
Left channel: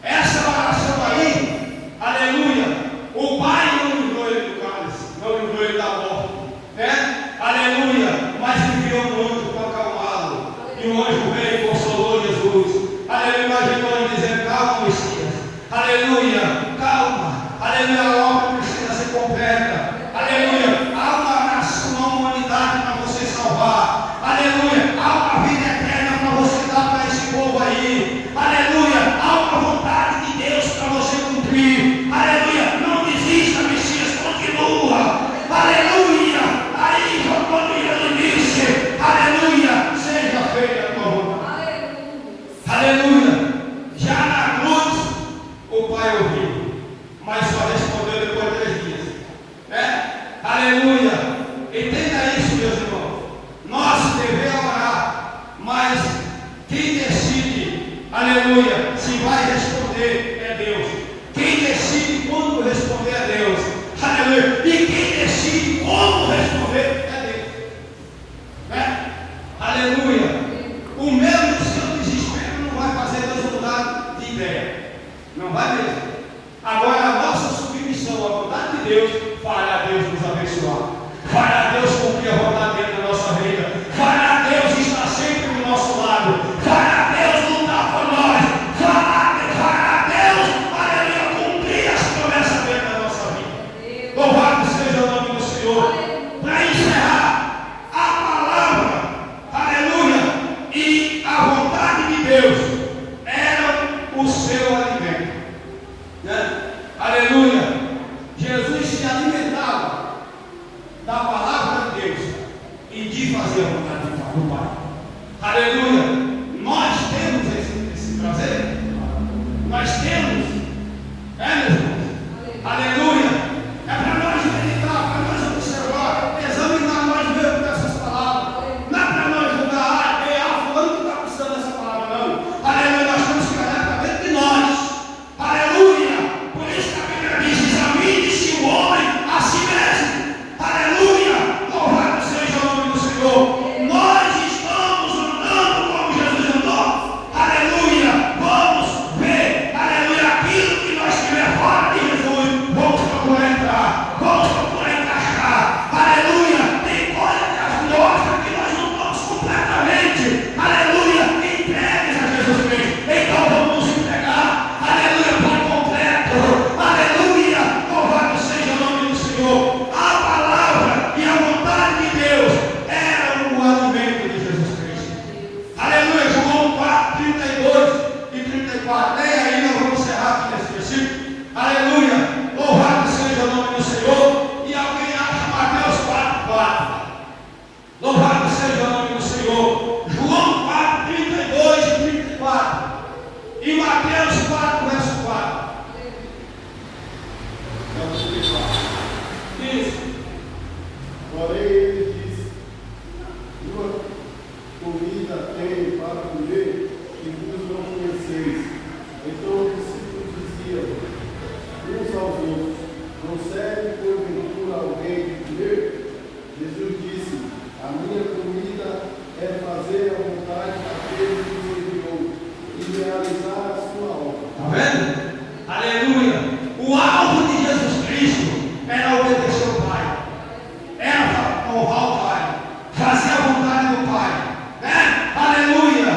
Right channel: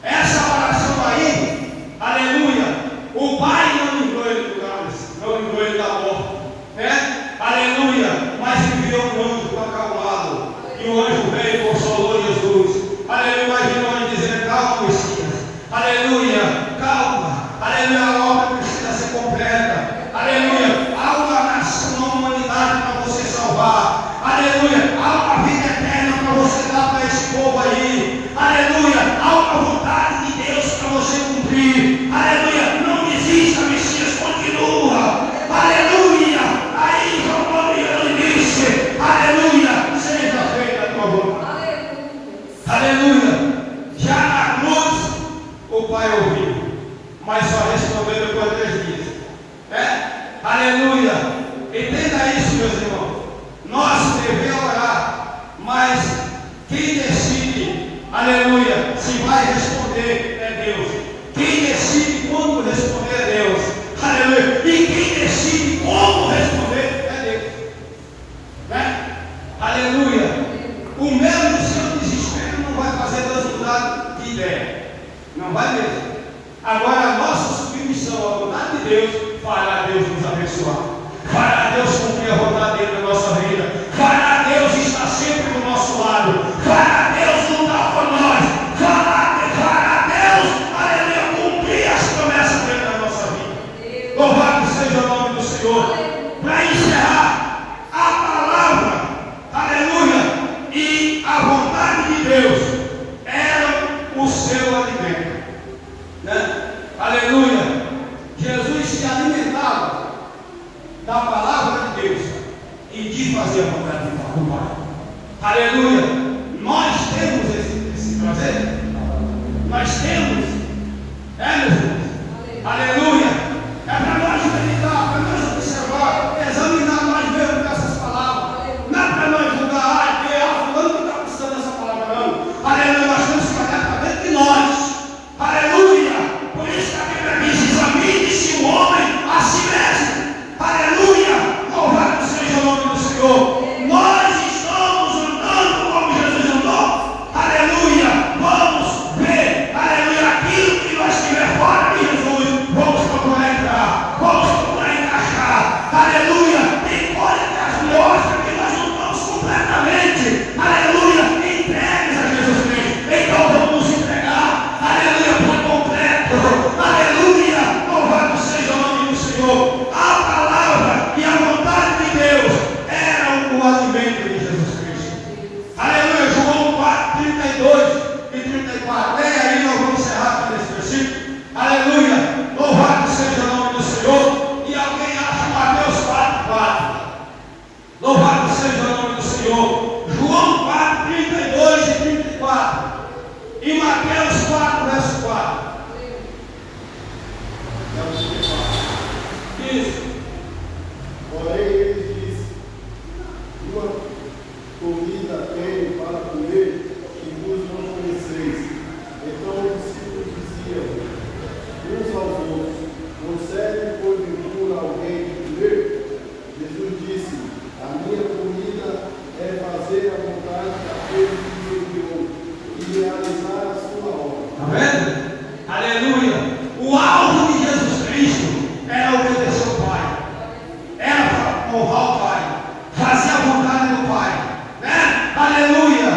Essa oração aí, aleluia, o Pai não livrou ele do cálice, não livrou ele da morte, né? Aleluia. Mas enviou um anjo para acalmá-lo, e o anjo veio e consolou Jesus. Aleluia. Imaginou ele dizendo: calma, Messias. Aleluia. Calma. Aleluia. A obra precisa ser completa. Aleluia. Há uma nação, uma humanidade para você salvar. Aleluia. Há uma vida eterna para você dar para esse povo aí. Aleluia. Há uma vontade de Deus para você cumprir. Aleluia. Não desista, Messias. Continua. Aleluia. Aí, quando ele disse: aleluia, seja feita a tua vontade. Aleluia. Já na cruz, o Pai ouviu, mas só respondeu depois de 3 dias, né? Aleluia. Entenda isso, meus irmãos. Nosso dever é orar, mas quem decide, aleluia, se vai responder é Deus. Quem decide quando responder é Deus. Aleluia. E quem decide como responder é Deus, né? Aleluia. O meu do seu desespero não vai fazer Deus mudar de ideia. Não vai mesmo. Agora a nossa submissão à vontade de Deus fará Deus nos abençoar. Fará Deus cumprir a vontade dele na nossa vida. Fará Deus estar sempre do nosso lado. Fará Deus lutar por nós. Fará Deus, aleluia, cumprir as promessas dele na nossa vida. Louvado seja o nome do Senhor. Para encerrar, a palavra, aleluia, e a vontade de Deus era o seu alimento, né? Aleluia. Jesus se alimentava da palavra de Deus e de fazer a vontade do Pai. Aleluia. Nós temos esse prazer. Nós temos, meus irmãos? Aleluia. É para nós meditar, para nós observar, examinar nós mesmos dessas palavras. Não é para nós julgar: fulano que está precisando dessa palavra, não. Aleluia. Nós temos que olhar para dentro de nós. Aleluia. Por isso que a Bíblia diz: examine-se o homem a si mesmo. Aleluia. Louvado seja Louvado seja o nome do Senhor. João 4, 32 e 34. E Mateus 4, verso 4. Isso. Porém, ele disse: uma comida tenho para comer que vos não conheceis. Então os discípulos diziam uns aos outros: não serve porventura alguém de comer? Jesus disse: a minha comida é fazer a vontade daquele que me enviou e realizar a sua obra. Está vendo? Aleluia. O alvo de Jesus Cristo era obedecer ao Pai. Era honrar o Pai. Fazer a vontade do Pai. Né? Aleluia.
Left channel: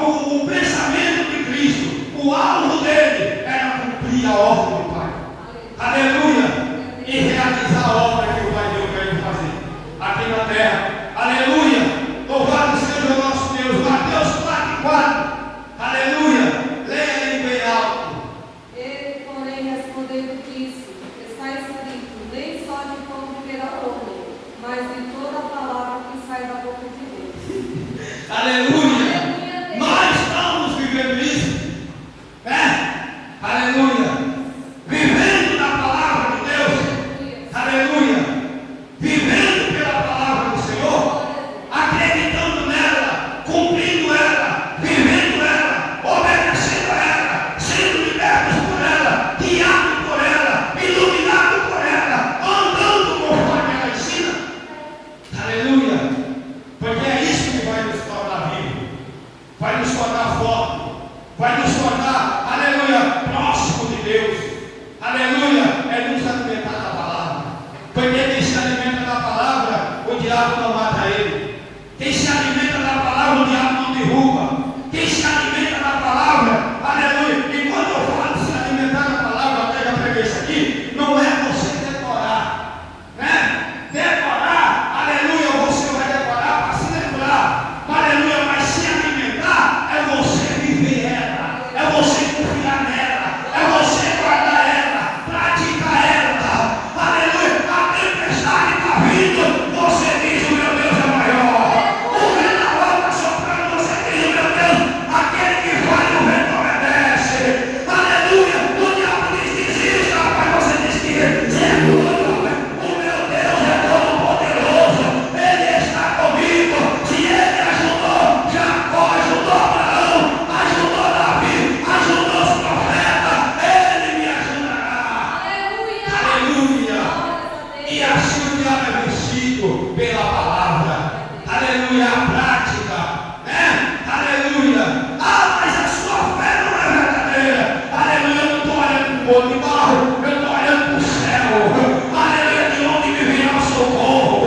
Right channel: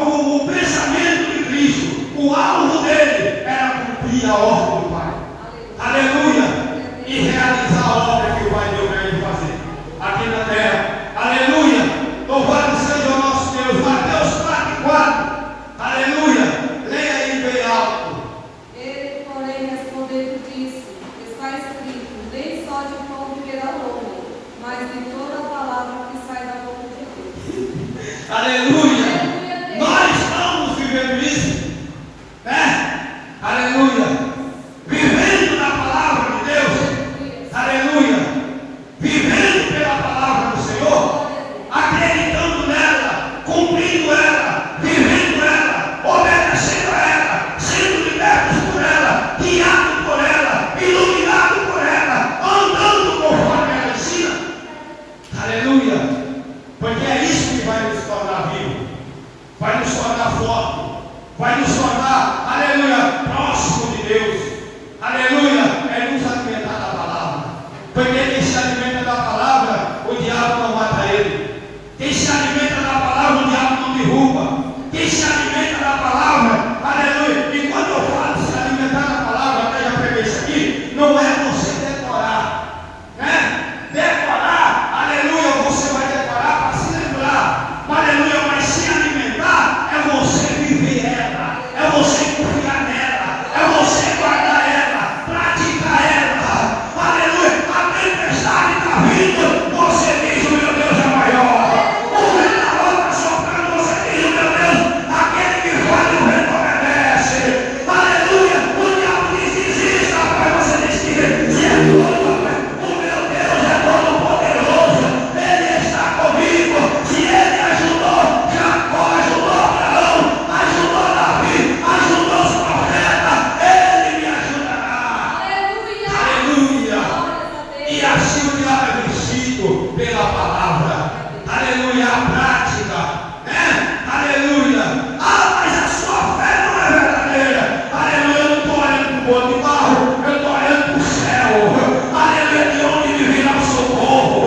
O pensamento de Cristo, o alvo dele era cumprir a ordem do Pai. Aleluia. E realizar a obra que o Pai deu para ele fazer aqui na terra. Aleluia. Louvado seja o nosso Deus. Mateus 4, 4. Aleluia. Leia aí bem alto. Ele, porém, respondendo, disse: está escrito, nem só de pão viverá o homem, mas de toda a palavra que sai da boca de Deus. Aleluia. Nós estamos vivendo isso. Né? Aleluia. Vivendo na palavra de Deus. Aleluia. Vivendo pela palavra do Senhor. Acreditando nela. Cumprindo ela. Vivendo ela. Obedecendo a ela. Sendo libertos por ela. Guiados por ela. Iluminados por ela. Andando conforme ela ensina. Aleluia. Porque é isso que vai nos tornar vivos. Vai nos tornar fortes. Vai nos tornar, aleluia, próximo de Deus. Aleluia, é nos alimentar da palavra. Porque quem se alimenta da palavra, o diabo não mata ele. Quem se alimenta da palavra, o diabo não derruba. Quem se alimenta da palavra, aleluia. E quando eu falo se alimentar da palavra, até já peguei isso aqui, não é você decorar, né? Decorar, aleluia, você vai decorar para se lembrar. Aleluia, mas se alimentar é você viver ela, é você confiar nela, é você guardar ela, praticar ela. Aleluia, a tempestade está vindo, você diz: o meu Deus é maior. O vendaval está soprando, você diz: o meu Deus, aquele que foi no vento obedece. Aleluia, o diabo diz: desista, rapaz, você diz que o meu Deus é todo poderoso, ele está comigo. Se ele ajudou Jacó, ajudou Abraão, ajudou Davi, ajudou os profetas, ele me ajudará. Aleluia. E assim o diabo é vencido pela palavra. Aleluia, a prática, né? Aleluia. Ah, mas a sua fé não é verdadeira. Aleluia, eu não estou olhando para o outro de barro, eu estou olhando para o céu. Aleluia, de onde me virá o socorro.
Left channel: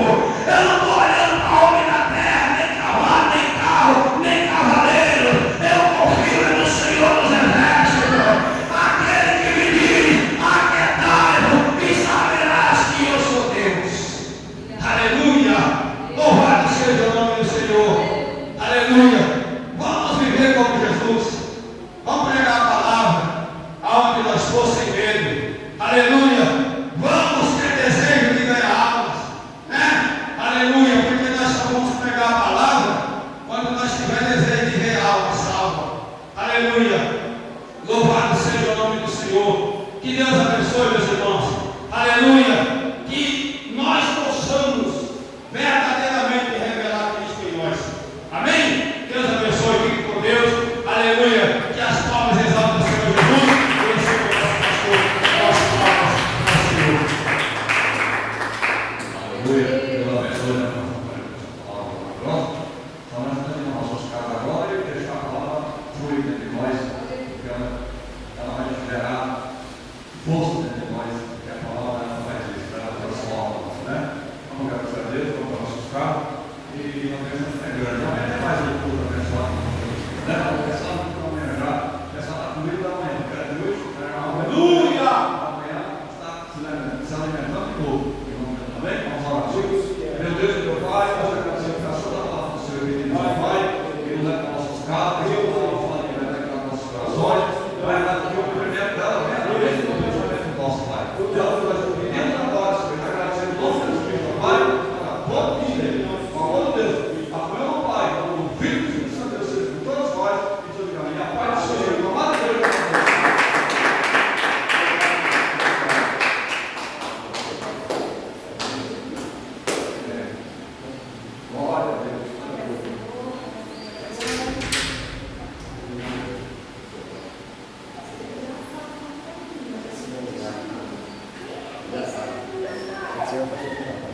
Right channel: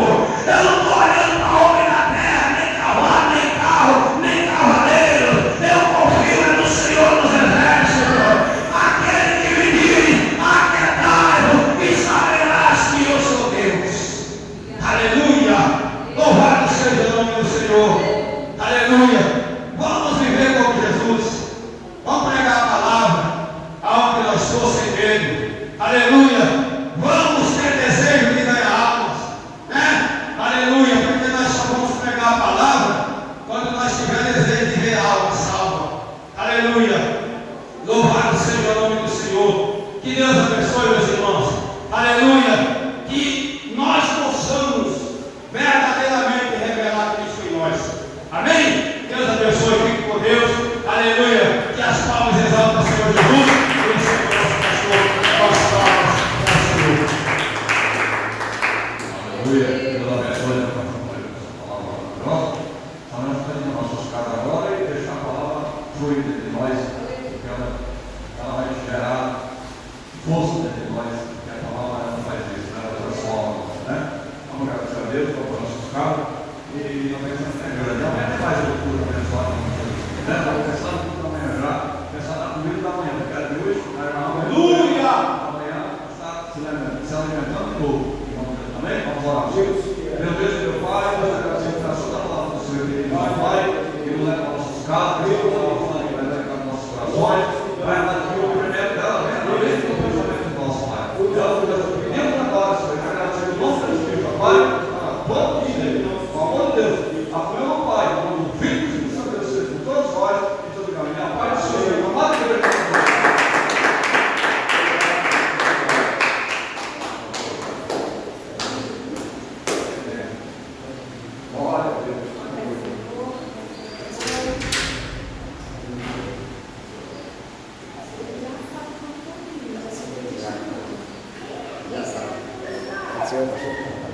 Eu não estou olhando para homem da terra, nem cavalo, nem carro, nem cavaleiro. Eu confio no Senhor dos Exércitos, aquele que me diz: aquietai-vos e saberás que eu sou Deus. Aleluia. Louvado seja o nome do Senhor. Aleluia. Vamos viver como Jesus. Vamos pregar a palavra aonde nós for sem medo. Aleluia. Vamos ter desejo de ganhar almas, né? Aleluia. Porque nós só vamos pregar a palavra quando nós tivermos desejo de ver a alma salva. Aleluia. Louvado seja o nome do Senhor. Que Deus abençoe, meus irmãos. Aleluia. Que nós possamos verdadeiramente revelar Cristo em nós. Amém? Deus abençoe, fique com Deus. Aleluia. Que as palmas exaltam o Senhor Jesus. E esse é o nosso pastor. Nossas palmas ao Senhor. Aleluia. Deus abençoe a palavra maravilhosa. Então nós estamos nas nossas casas agora e deixar a palavra fluir entre nós, porque ela vai gerar força dentro de nós, que a palavra não faz isso, ela transforma, né? Vamos agradecer a Deus por nossos carros e não pensamos que é grande, não é mais o culto abençoado, né? Estou pensando que amanhã já, pensando na comida da manhã, porque é de hoje, aleluia! Amanhã está se alimentando de novo, amém? Vamos orar. Meu Deus e meu Pai, nós agradecemos a sua palavra do Senhor, que nos Pai, que nos leva para nossos carros, que nos leva para nossos corações, vai dar aqui o primeiro dela, vem a vez do pensamento nosso, Pai. Ela foi pedindo agora, Senhor, agradecendo o nosso Deus, Pai, bom dia.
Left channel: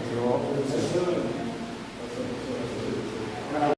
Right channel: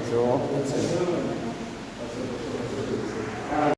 Seu óculos.